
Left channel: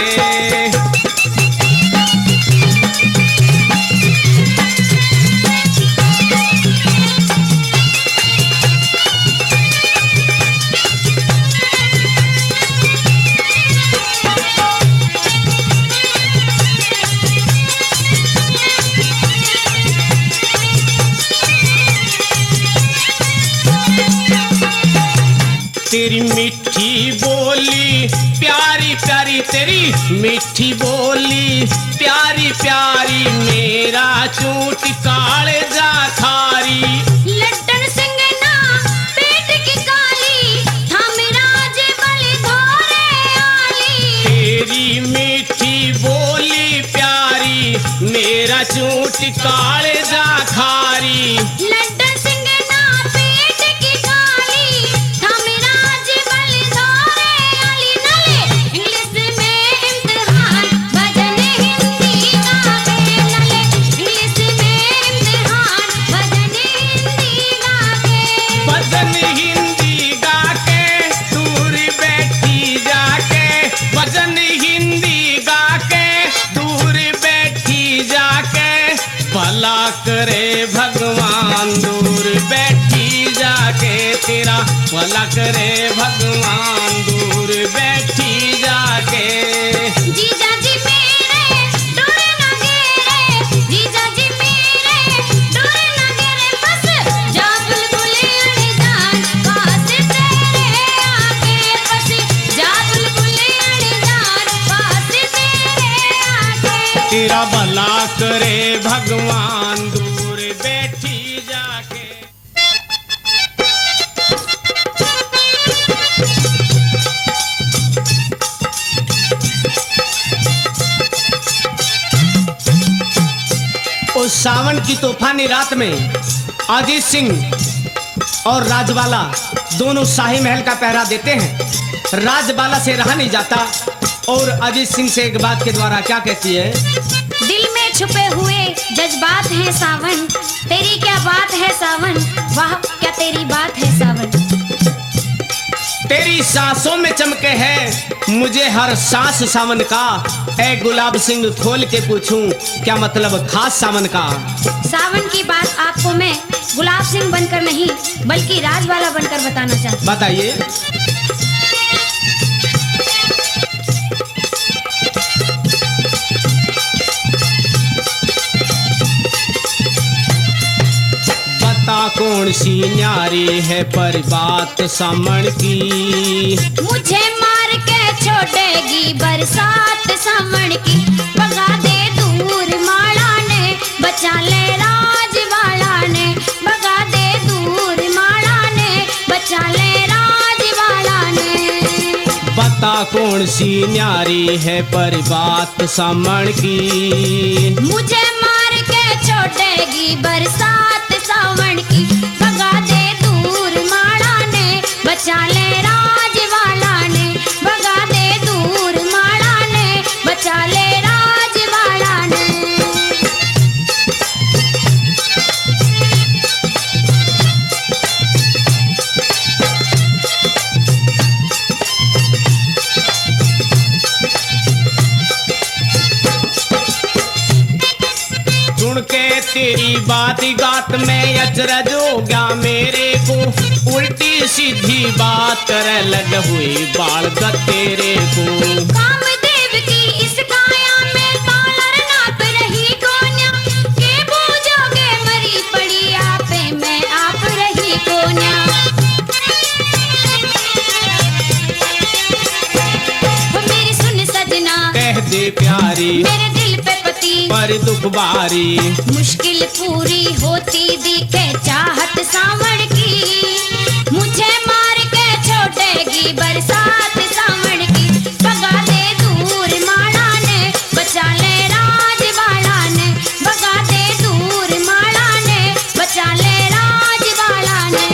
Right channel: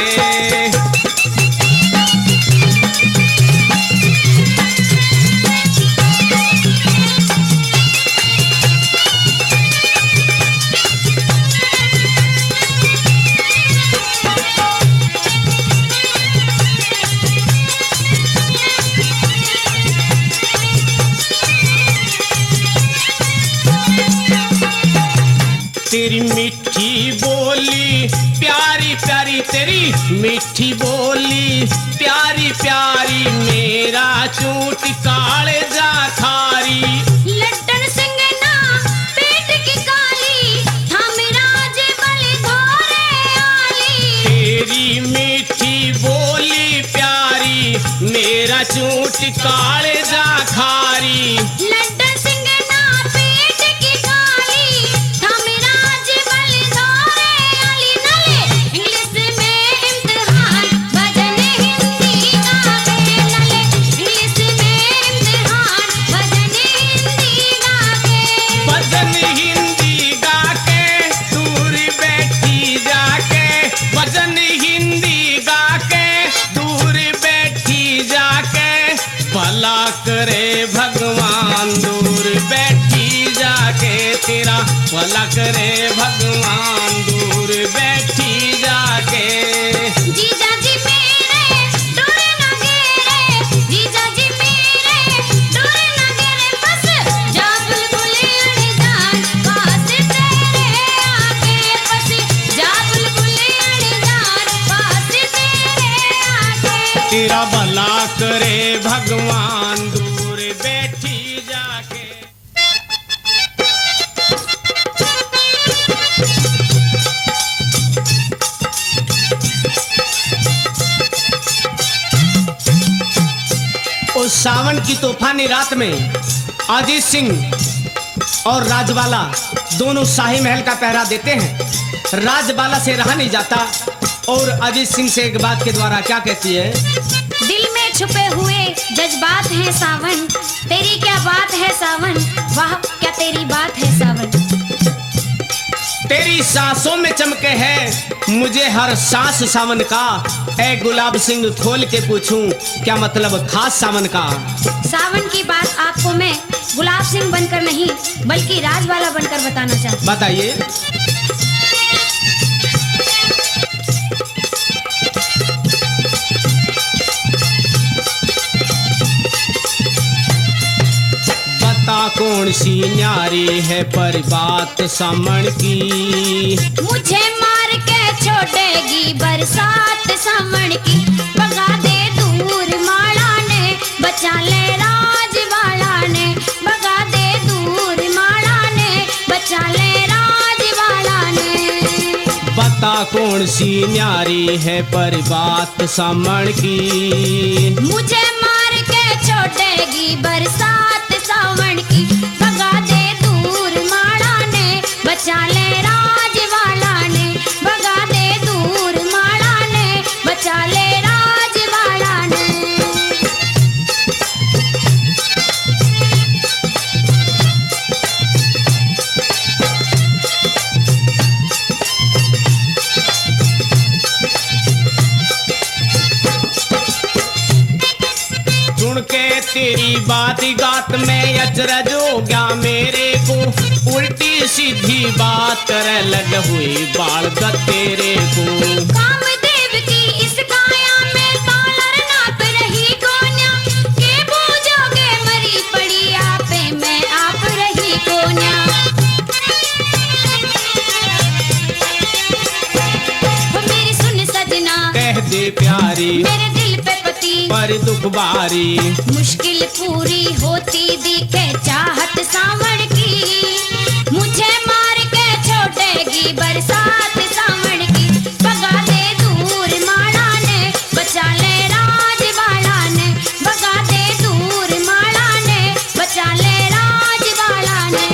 तेरी मीठी बोली प्यारी प्यारी, तेरी मीठी बोली प्यारी प्यारी, मेरा चूट काले जा खारी। लड्डन सिंह ना पेट की काली, था मेरा जेबल धोरे आली। तेरी मीठी बोली प्यारी, मेरा चूट काले जा खारी। लड्डन सिंह ना पेट की काली, था मेरा जेबल धोरे आली। नले इंग्लिश में इम्तिहान भजन हिंदी गा के, नले इंग्लिश में इम्तिहान भजन हिंदी गा के। भजन हिंदी गा के दूर बैठी जाके, भजन हिंदी गा के दूर बैठी जाके, भला करे भगवान दूर बैठी जाके तेरा, भला करे भगवान दूर बैठी जाके। जीजा जी मेरे डोरे ना गेरे, जीजा जी मेरे डोरे ना गेरे। बस जा बुलबुल अड़जान पास तेरे आके, बस जा बुलबुल अड़जान पास तेरे आके। तेरा भला करे भगवान दूर बैठी जाके। उस सावन की तूफानी रात में अजीत सिंह और राजवाला दोनों शाही महल का पहरा देते हैं। राजबाला से रहा नहीं जाता। और अजीत सिंह से एक बात के द्वारा क्या कहती है? दिल में छुपे हुए जज्बात है सावन, तेरी क्या बात है सावन, वाह क्या तेरी बात है सावन। तेरी सांसों में चमके है मुझे हर सांस सावन का, ए गुलाब सिंह खोल के पूछूं क्या मतलब खास सावन का। सावन की बात आपको मैं गुलाब सिंह बनकर नहीं बल्कि राजवाला बनकर बताना चाहती हूँ। बताइए। बता कौन सी न्यारी है पर बात सामन की, मुझे मार के छोड़ेगी बरसात सावन की, भगा दे दूर माला ने बचा ले राजवाला ने, भगा दे दूर माला ने बचा ले राजवाला ने। बता कौन सी न्यारी है पर बात सामन की, मुझे मार के छोड़ेगी बरसात सावन की, भगा दे दूर माला ने बचा ले राजवाला ने, भगा दे दूर माला ने बचा ले राजवाला ने। सुन के तेरी बात गात में अचरज हो गया मेरे को, उल्टी सीधी बात करे लग हुई बाल ग तेरे को। कामदेव की इस काया में तालर नाप रही कोन्या, के बूझोगे मरी पड़ी आपे मैं आप रही कोन्या। वो मेरी सुन सजना कह दे प्यारी मेरे दिल पे पति, पर दुख बारी, मुश्किल पूरी होती दिखे चाहत सावन की, मुझे मार के छोड़ेगी बरसात सावन की, भगा दे दूर माला ने बचा ले राजवाला ने, भगा दे दूर माला ने बचा ले राजवाला ने।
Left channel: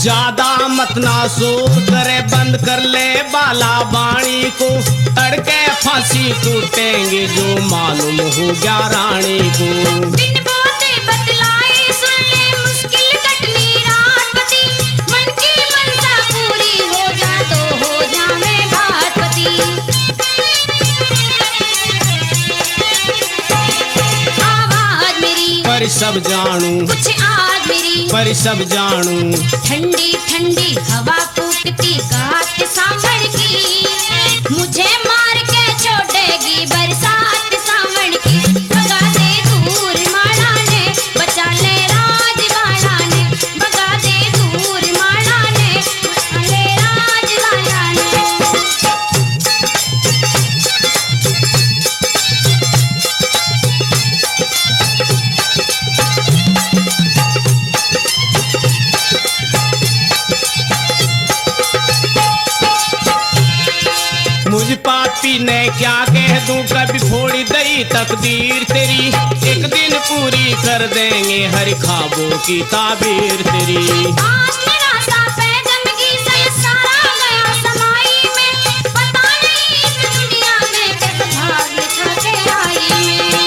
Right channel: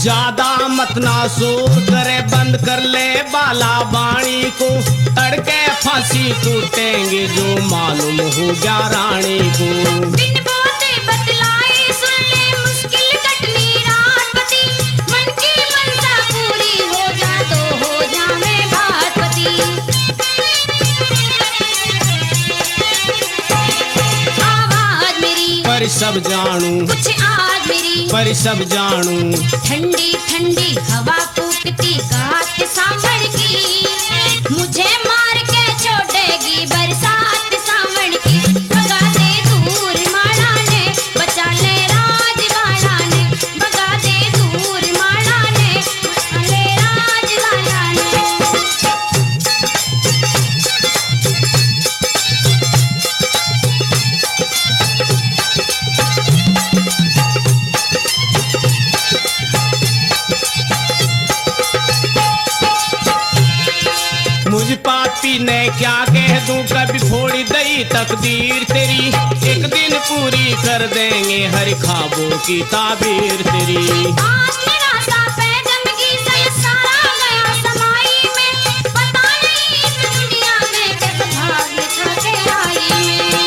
ज्यादा मत ना सोच करे बंद कर ले बाला बाणी को, तड़के फांसी टूटेंगे जो मालूम हो गया रानी को। बिन बोते बतलाए सुन ले मुश्किल कटनी रात पति, मन की मनसा पूरी हो जा तो हो जावे बात पति। आवाज मेरी पर सब जानू, कुछ आज मेरी पर सब जानू, ठंडी ठंडी हवा फूकती गात सांभर की, मुझे मार के छोड़ेगी बरसात सावन की, भगा दे दूर माला ने बचा ले राजवाला ने, भगा दे दूर माला ने बचा ले राजवाला ने। मुझ पापी ने क्या कह दूं कभी फोड़ी दई तकदीर तेरी, एक दिन पूरी कर देंगे हर ख्वाबों की ताबीर तेरी। आज मेरा सा पैगम की सही सारा गया समाई में, पता नहीं इस दुनिया में किस भाग्य छाके आई में।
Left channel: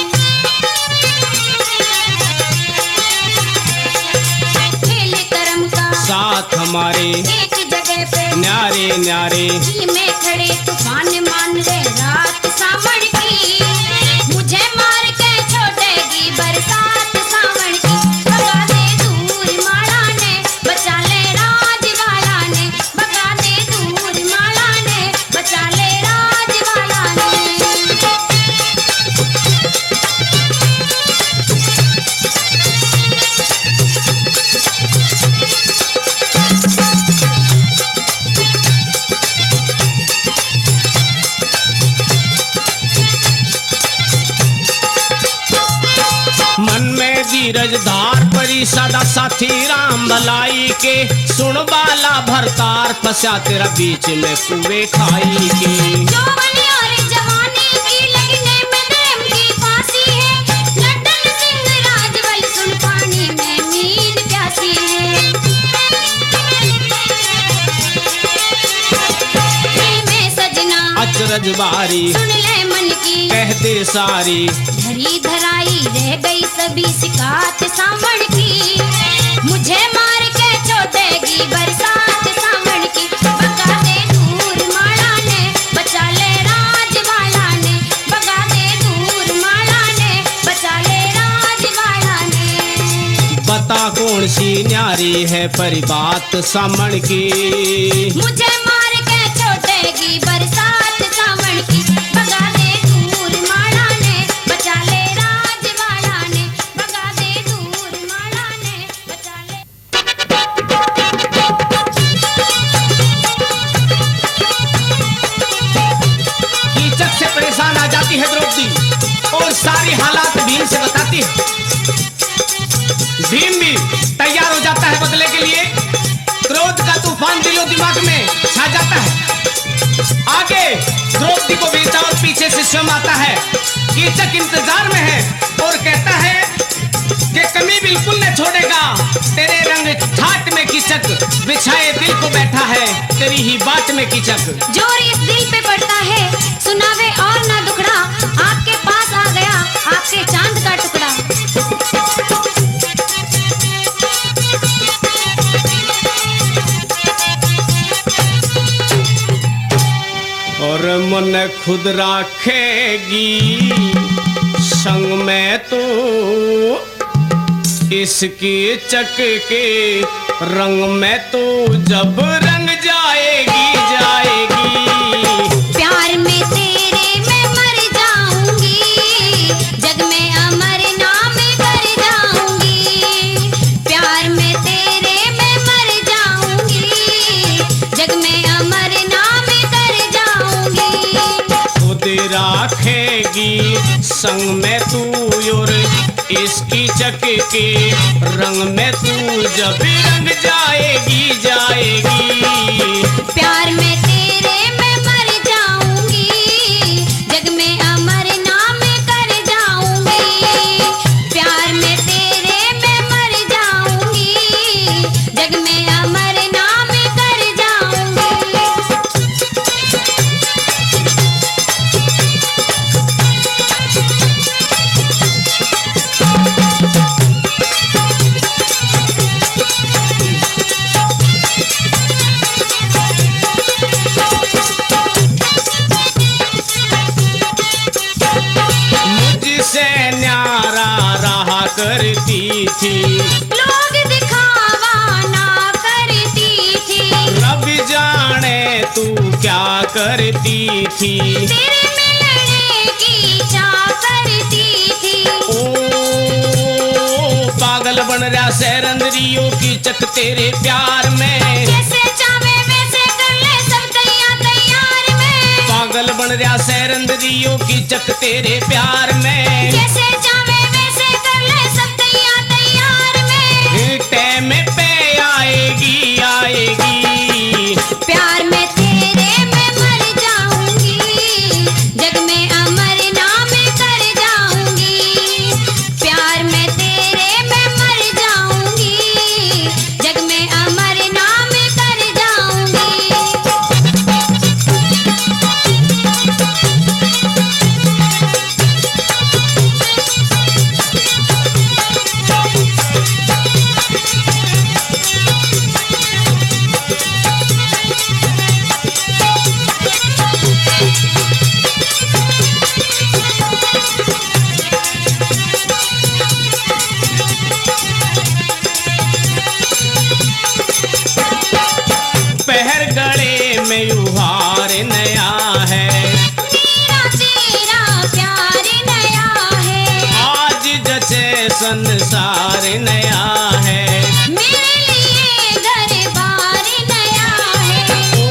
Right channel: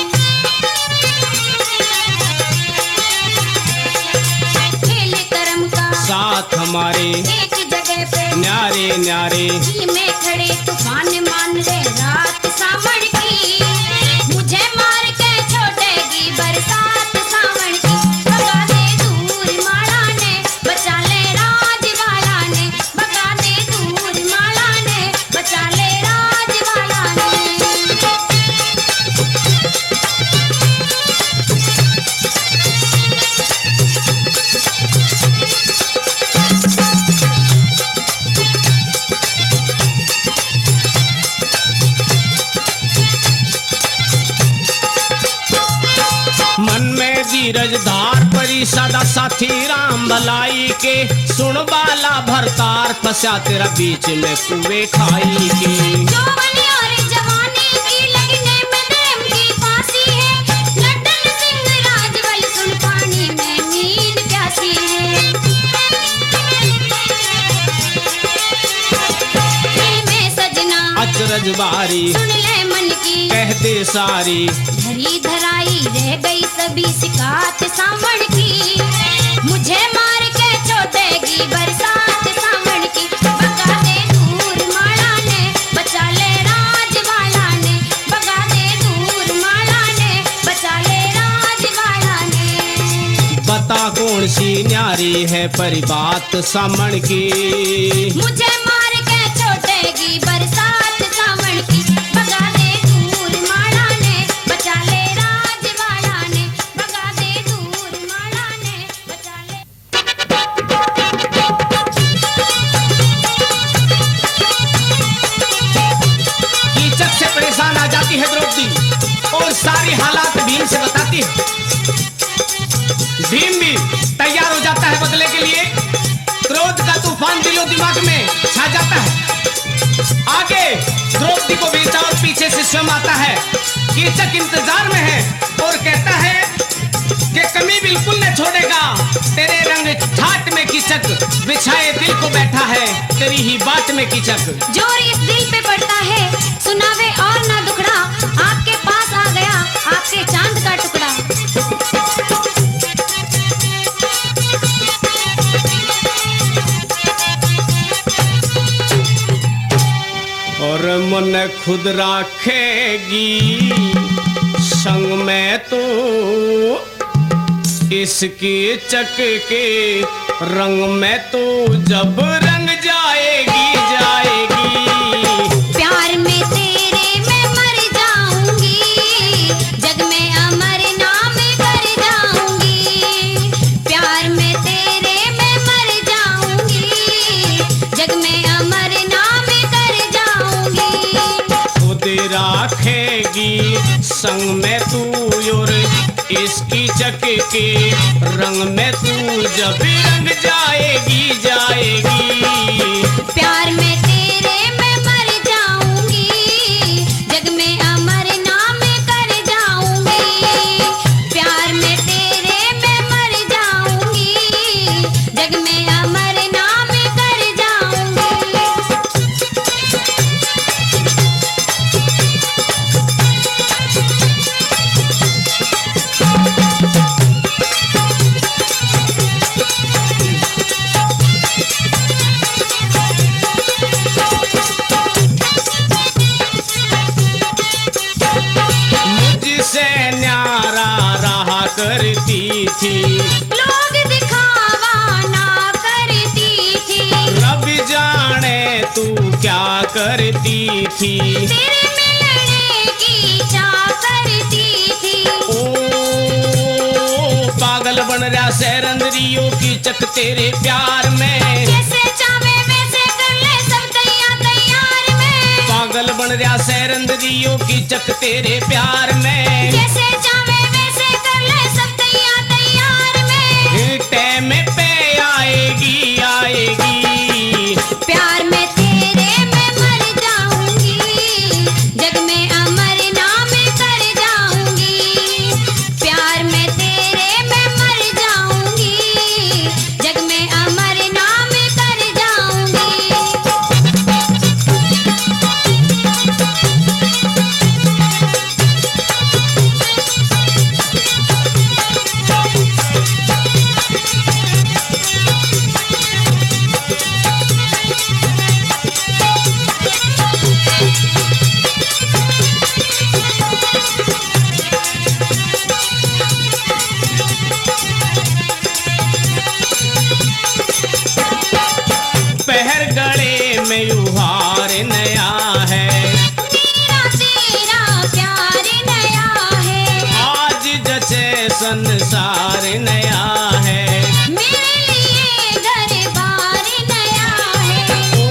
खेल करम का साथ हमारे एक जगह पे न्यारे न्यारे, में खड़े तूफान मान ले रात सावन की, मुझे मार के छोड़ेगी बरसात सावन की, भगा दे दूर माला ने बचा ले राजवाला ने, भगा दे दूर माला ने बचा ले राजवाला ने। के धीरज धार परी सदा साथी राम भलाई के, सुन बाला भरतार फंसा तेरा बीच में कुएं खाई के। जौवन और जवानी की लगने में प्रेम की फांसी है, लड्डन सिंह राजवल सुन पानी में नींद प्यासी है। दिल में सजना अचरज बारी सुन ले मन की कह दे सारी, धरी धराई रह गई सभी शिकायत सावण की, मुझे मार के छोड़ेगी बरसात सावण की। भगा दे दूर माला ने बचा ले राजवाड़ा ने, भगा दे दूर माला ने बचा ले राजवाड़ा ने। बता कौन सी न्यारी है परी बात सामण की, मुझे मार के छोड़ेगी बरसात सावण की। भगा दे दूर माला ने बचा ले राजवाड़ा ने, भगा दे दूर माला ने बचा ले। कीचक से परेशान आ जाती है द्रौपदी और सारी हालात भीम से बताती है। भीम भी तैयार हो जाता है बदले के लिए। क्रोध का तूफान दिलो दिमाग में छा जाता है। आगे द्रौपदी को भेजता और पीछे से स्वयं आता है। कीचक इंतजार में है और कहता है कि कमी बिल्कुल न छोड़ेगा, तेरे रंग ठाट में कीचक बिछाए दिल को बैठा है, तेरी ही बाट में कीचक। जोर इस दिल पे पड़ता है, सुनावे और ना दुखड़ा, आपके पास आ गया आपके चांद का टुकड़ा। और मन खुद राखेगी संग में तो, इसकी चक के रंग में तो जब रंग जाएगी जाएगी। प्यार में तेरे मैं मर जाऊंगी, जग में अमर नाम कर जाऊंगी। प्यार में तेरे मैं मर जाऊंगी, जग में अमर नाम कर जाऊंगी। खुद राखेगी संग में तू और इसकी चक के रंग में तू जब रंग जाएगी जाएगी। प्यार में तेरे मैं मर जाऊंगी, जग में अमर नाम कर जाऊंगी। प्यार में तेरे मैं मर जाऊंगी, जग में अमर नाम कर जाऊंगी। मुझसे न्यारा रहा करती थी, लोग दिखावा ना करती थी, रब जाने तू क्या करती थी। तेरे मिलने की चाह करती थी। ओ पागल बन रहा सैरंदरियों की चक तेरे प्यार में, जैसे चाहे वैसे कर ले सब तैयार में। पागल बन रहा सैरंदरियों की चक तेरे प्यार में, जैसे चाहे वैसे कर ले सब तैयार में। टाइम पे आएगी आएगी। प्यार में तेरे मैं मर जाऊंगी, जग में अमर नाम कर जाऊंगी। प्यार में तेरे मैं मर जाऊंगी, जग में अमर नाम कर जाऊंगी। पहर गले में युहार नया है, तेरा तेरा प्यार नया है। आज जचे संसार नया है। मेरे लिए दरबार नया है। ओ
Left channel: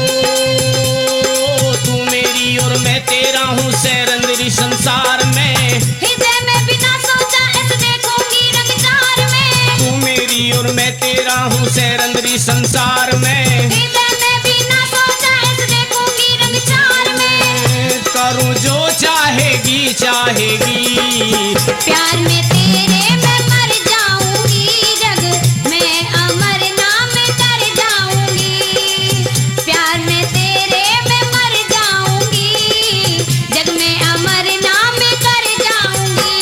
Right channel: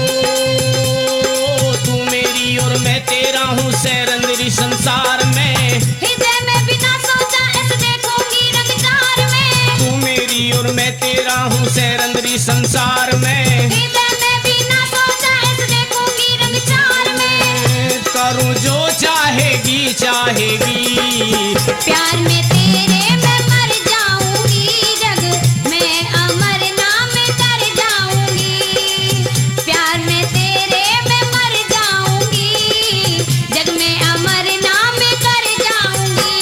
तू मेरी और मैं तेरा हूँ सैरंदरी संसार में। हृदय में बिना सोचा ऐसे देखूंगी रंग मैं तेरा हूँ सैरंदरी संसार में, हृदय में भी ना सोचा ऐसे देखूंगी रंग चार में, करूँ जो चाहेगी चाहेगी। प्यार में तेरे मैं मर जाऊंगी, जग में अमर नाम कर जाऊंगी। प्यार में तेरे मैं मर जाऊंगी, जग में अमर नाम कर जाऊंगी।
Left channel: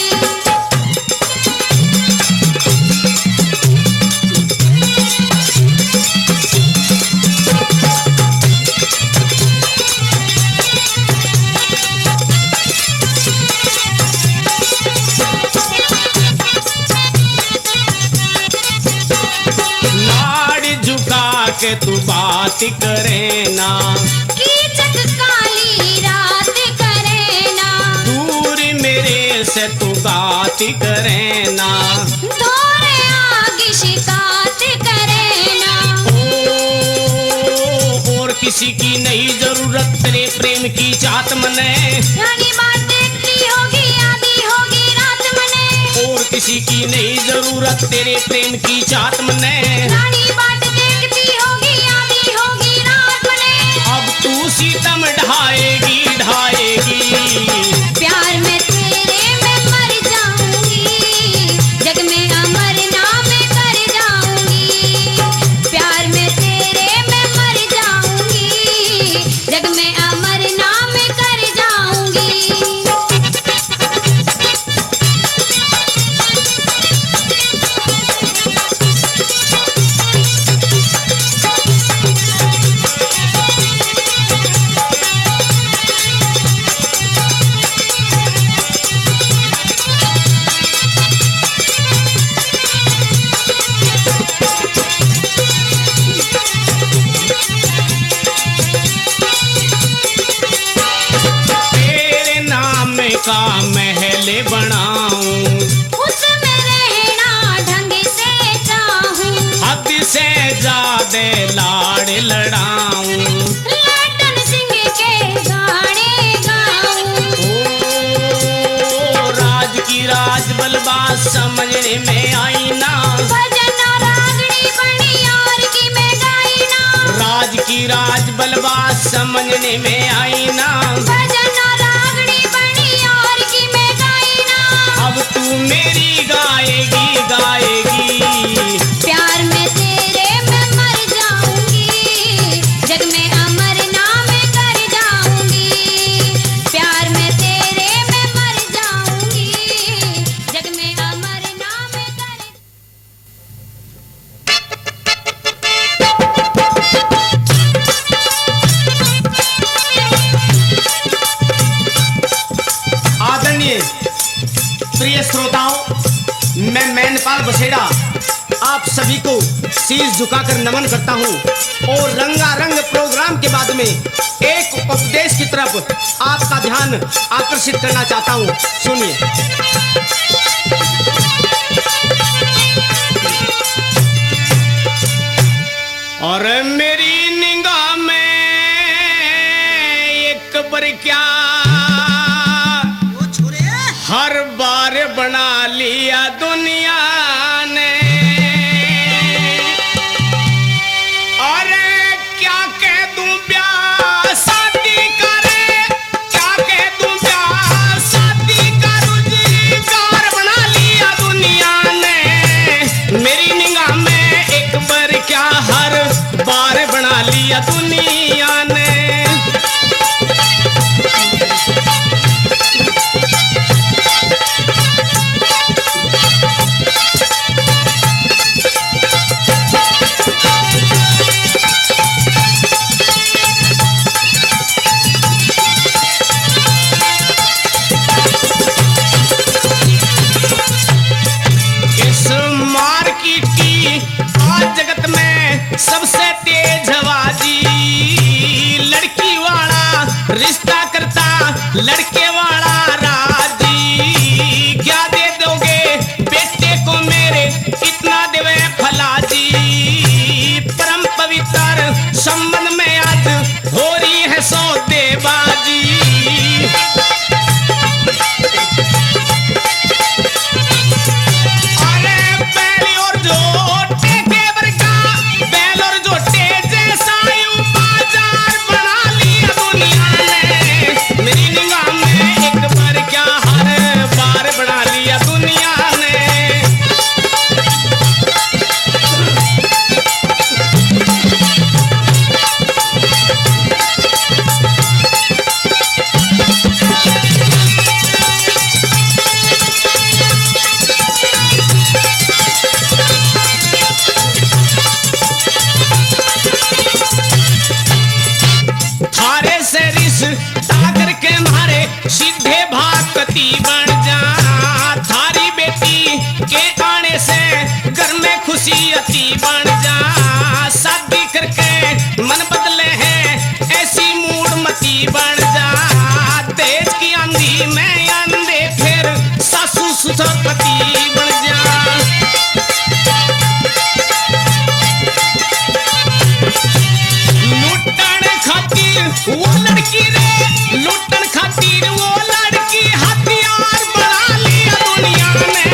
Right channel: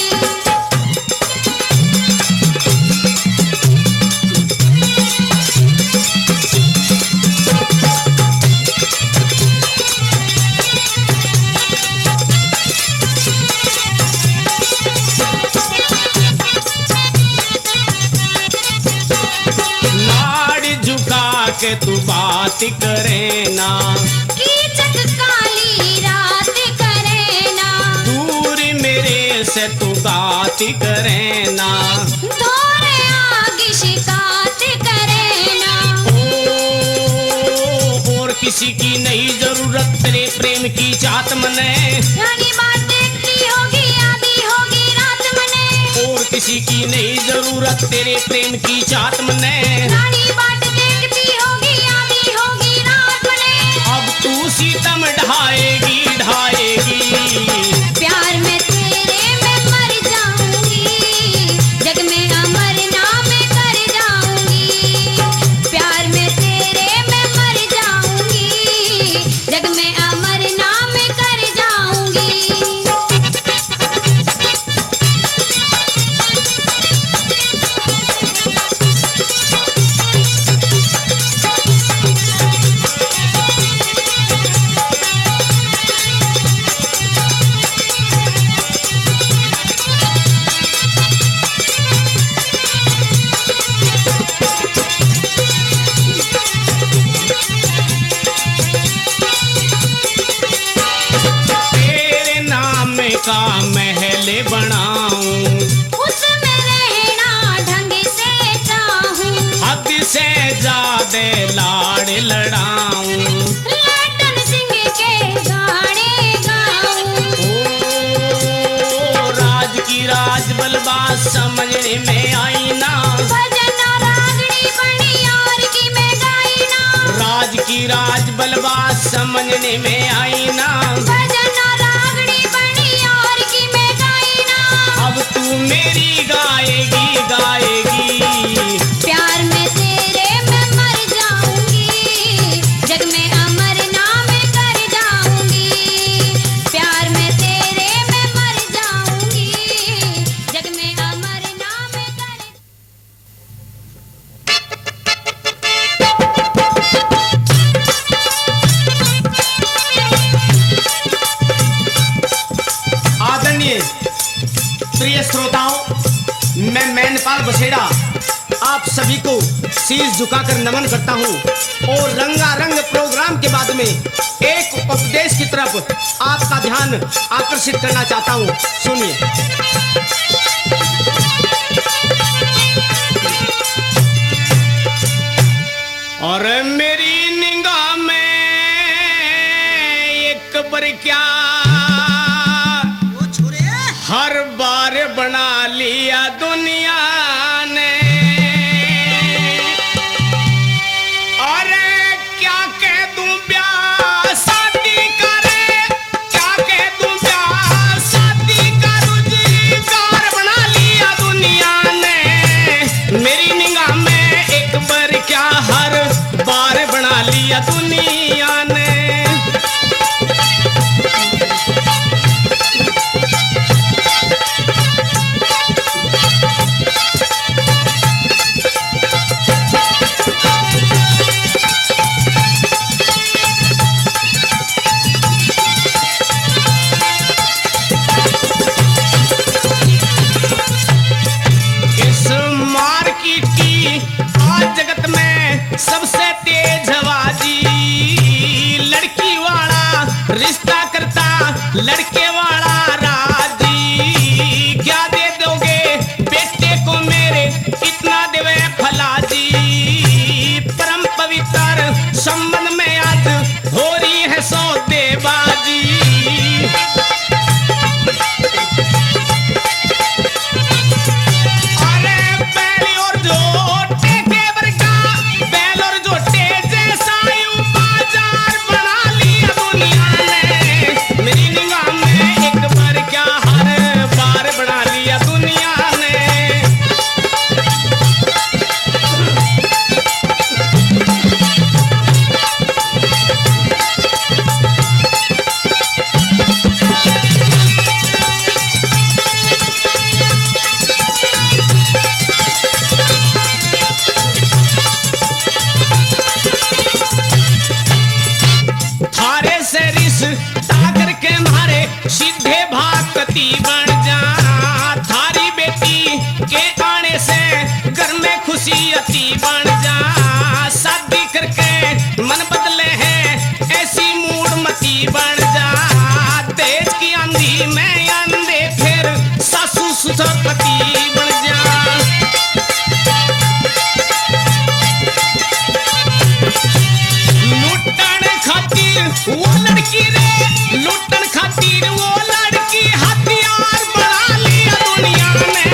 नाड़ झुका के तू बात करे ना, कीचक काली रात करे ना, दूर मेरे से तू बात करे ना। धोरे आग शिकायत करे ना, ओ, और किसी की नहीं जरूरत तेरे प्रेम की चाहत मने, रानी बात देखती होगी आधी होगी रात मने, और किसी की नहीं जरूरत तेरे प्रेम की चाहत मने। रानी बात देखती होगी आधी होगी रात मने, अब तू सीतम ढाएगी ढाएगी। प्यार में तेरे मैं मर जाऊंगी, जग में अमर नाम कर जाऊंगी। प्यार में तेरे मैं मर जाऊंगी, जग में अमर नाम कर जाऊंगी। तेरे नाम का महल बनाऊं, उसमें रहना ढंग से चाहूं, हद से ज्यादा लाड़ लड़ाऊं। लटन सिंह के गाने गाऊं, ओ, राज की राज बलबाज समझने में आई ना, भजन रागनी बनी यार की मैं गाई ना, राज की राज बलबाज समझने में आई ना। भजन रागनी बनी यार की मैं गाई ना। अब तू मेरी गाएगी गाएगी। प्यार में तेरे मैं मर जाऊंगी, जग में अमर नाम कर जाऊंगी। प्यार में तेरे मैं मर जाऊंगी, जग में अमर नाम कर। आदरणीय प्रिय श्रोताओं, मैं मैनपाल बसेड़ा आप सभी को शीश झुकाकर नमन करता हूं और रंगारंग प्रोग्राम के बाद में एक उपदेश की तरफ आपका ध्यान आकर्षित करना चाहता हूं। सुनिए। और मेरी निगाह में एक बर क्या हर बार बना लिया दुनिया ने। अरे क्या कह दूं ब्याह शादी करे, क्या कह दूं ब्याह शादी का रोजगार बना लिया दुनिया ने। मेरी निगाह में एक बार क्या हर बार बना लिया दुनिया ने। इस मार्केट की आज जगत में सबसे तेज आवाजी लड़की वाला रिश्ता करता लड़के वाला राजी। क्या दे दोगे बेटे को मेरे, कितना देवे फलाजी। परम पवित्र संबंध में आज हो रही है सौदेबाजी। अरे पहली और जो टेक करोड़पति बन जा। लुटन खातिर वो लड़की रे, लुटन खातिर वो लड़की हथियार बना लिया दुनिया ने।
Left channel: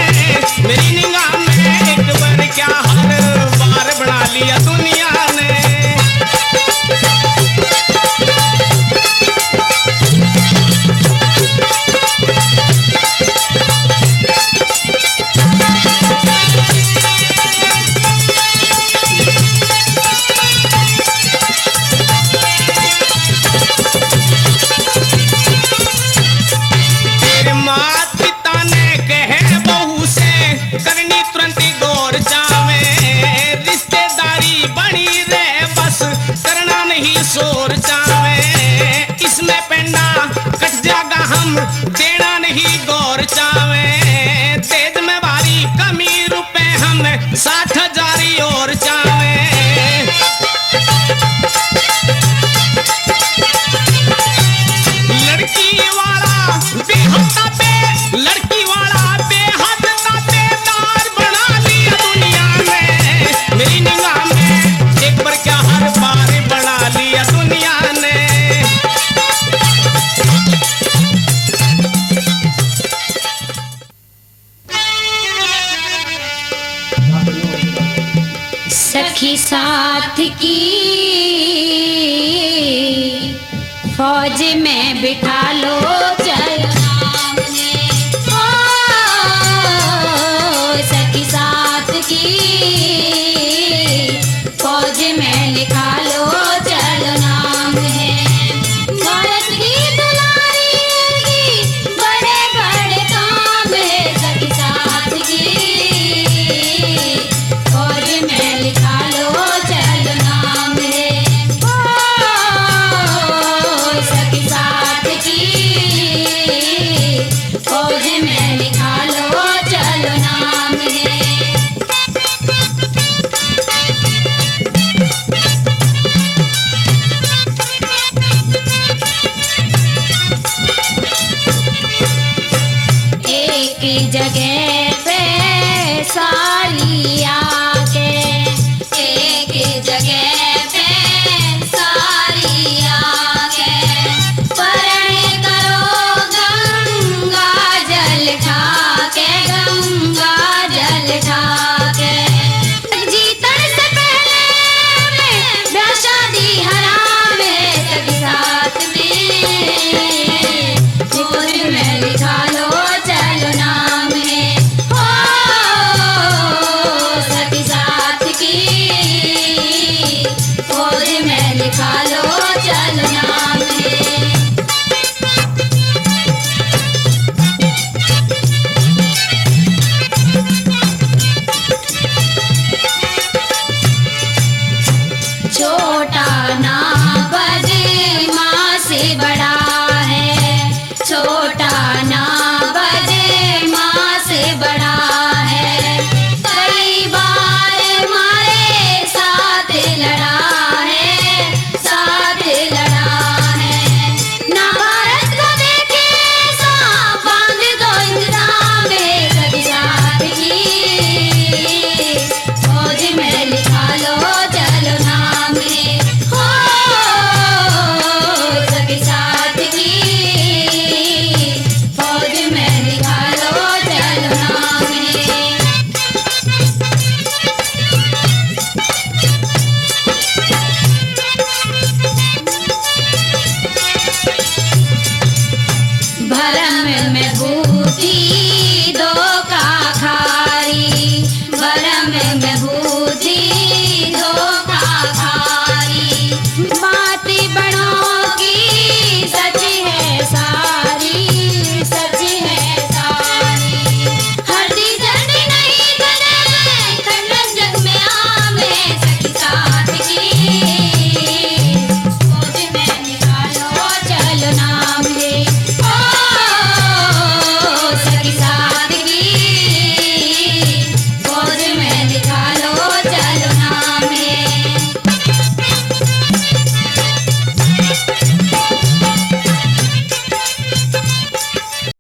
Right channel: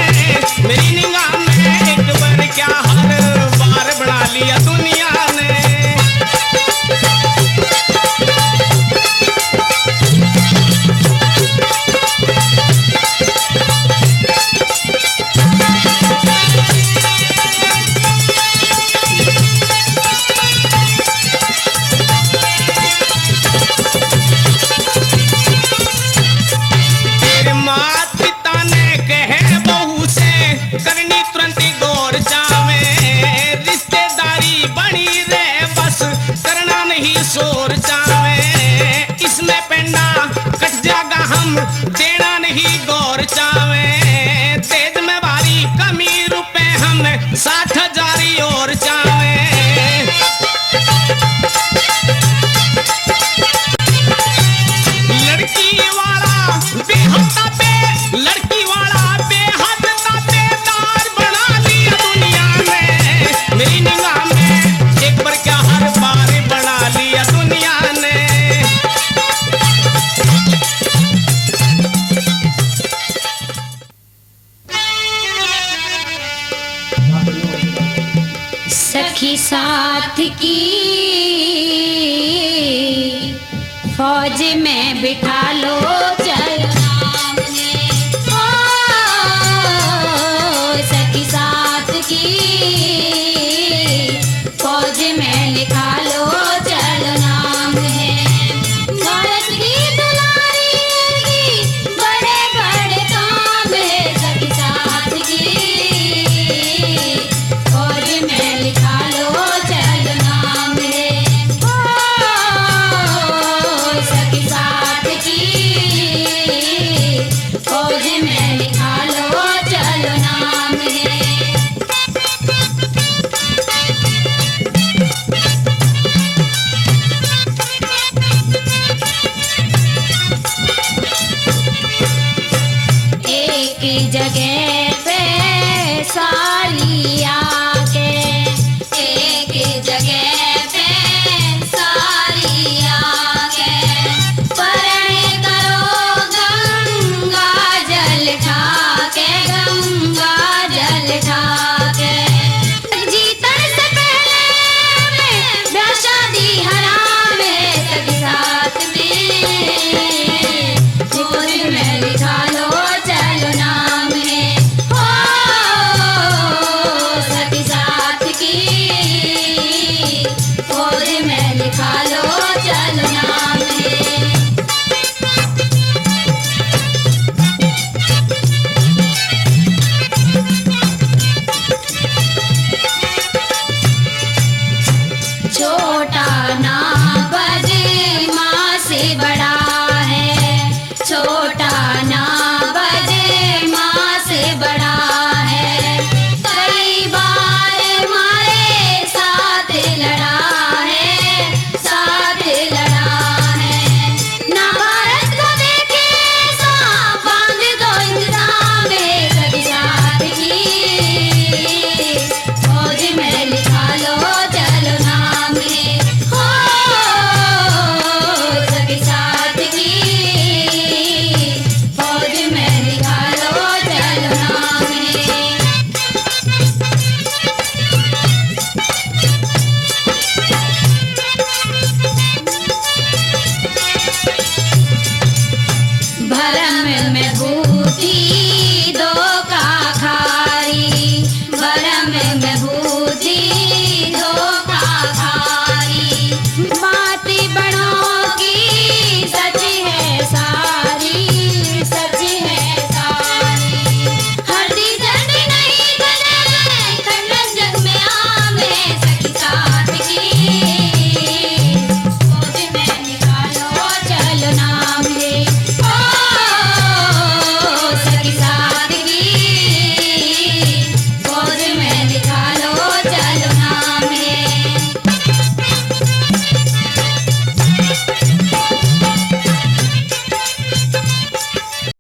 मेरी निगाह में एक बार क्या हर बार बना लिया दुनिया ने। करनी तुरंत गौर चावे, रिश्तेदारी बनी रे बस करना नहीं शोर चावे। इसमें पेंडा कट जागा हम देना नहीं गौर चावे। तेज में भारी कमी रुपए हम 60,000 और चावे। लड़की वाला बेहद पे, लड़की वाला बेहद मेरी निगाह में एक बार क्या हर बार बना लिया दुनिया ने। सखी साथ की फौज में बिठा लो चलो नाम है। ओ सखी साथ की फौज में लिखा लो चलो नाम है। भारत की दुलारी की बड़े बड़े काम है। सखी साथ की फौज में लिखा लो चलो नाम है। ओ सखी साथ की फौज में लिखा लो चलो नाम है। एक जगह पे सालिया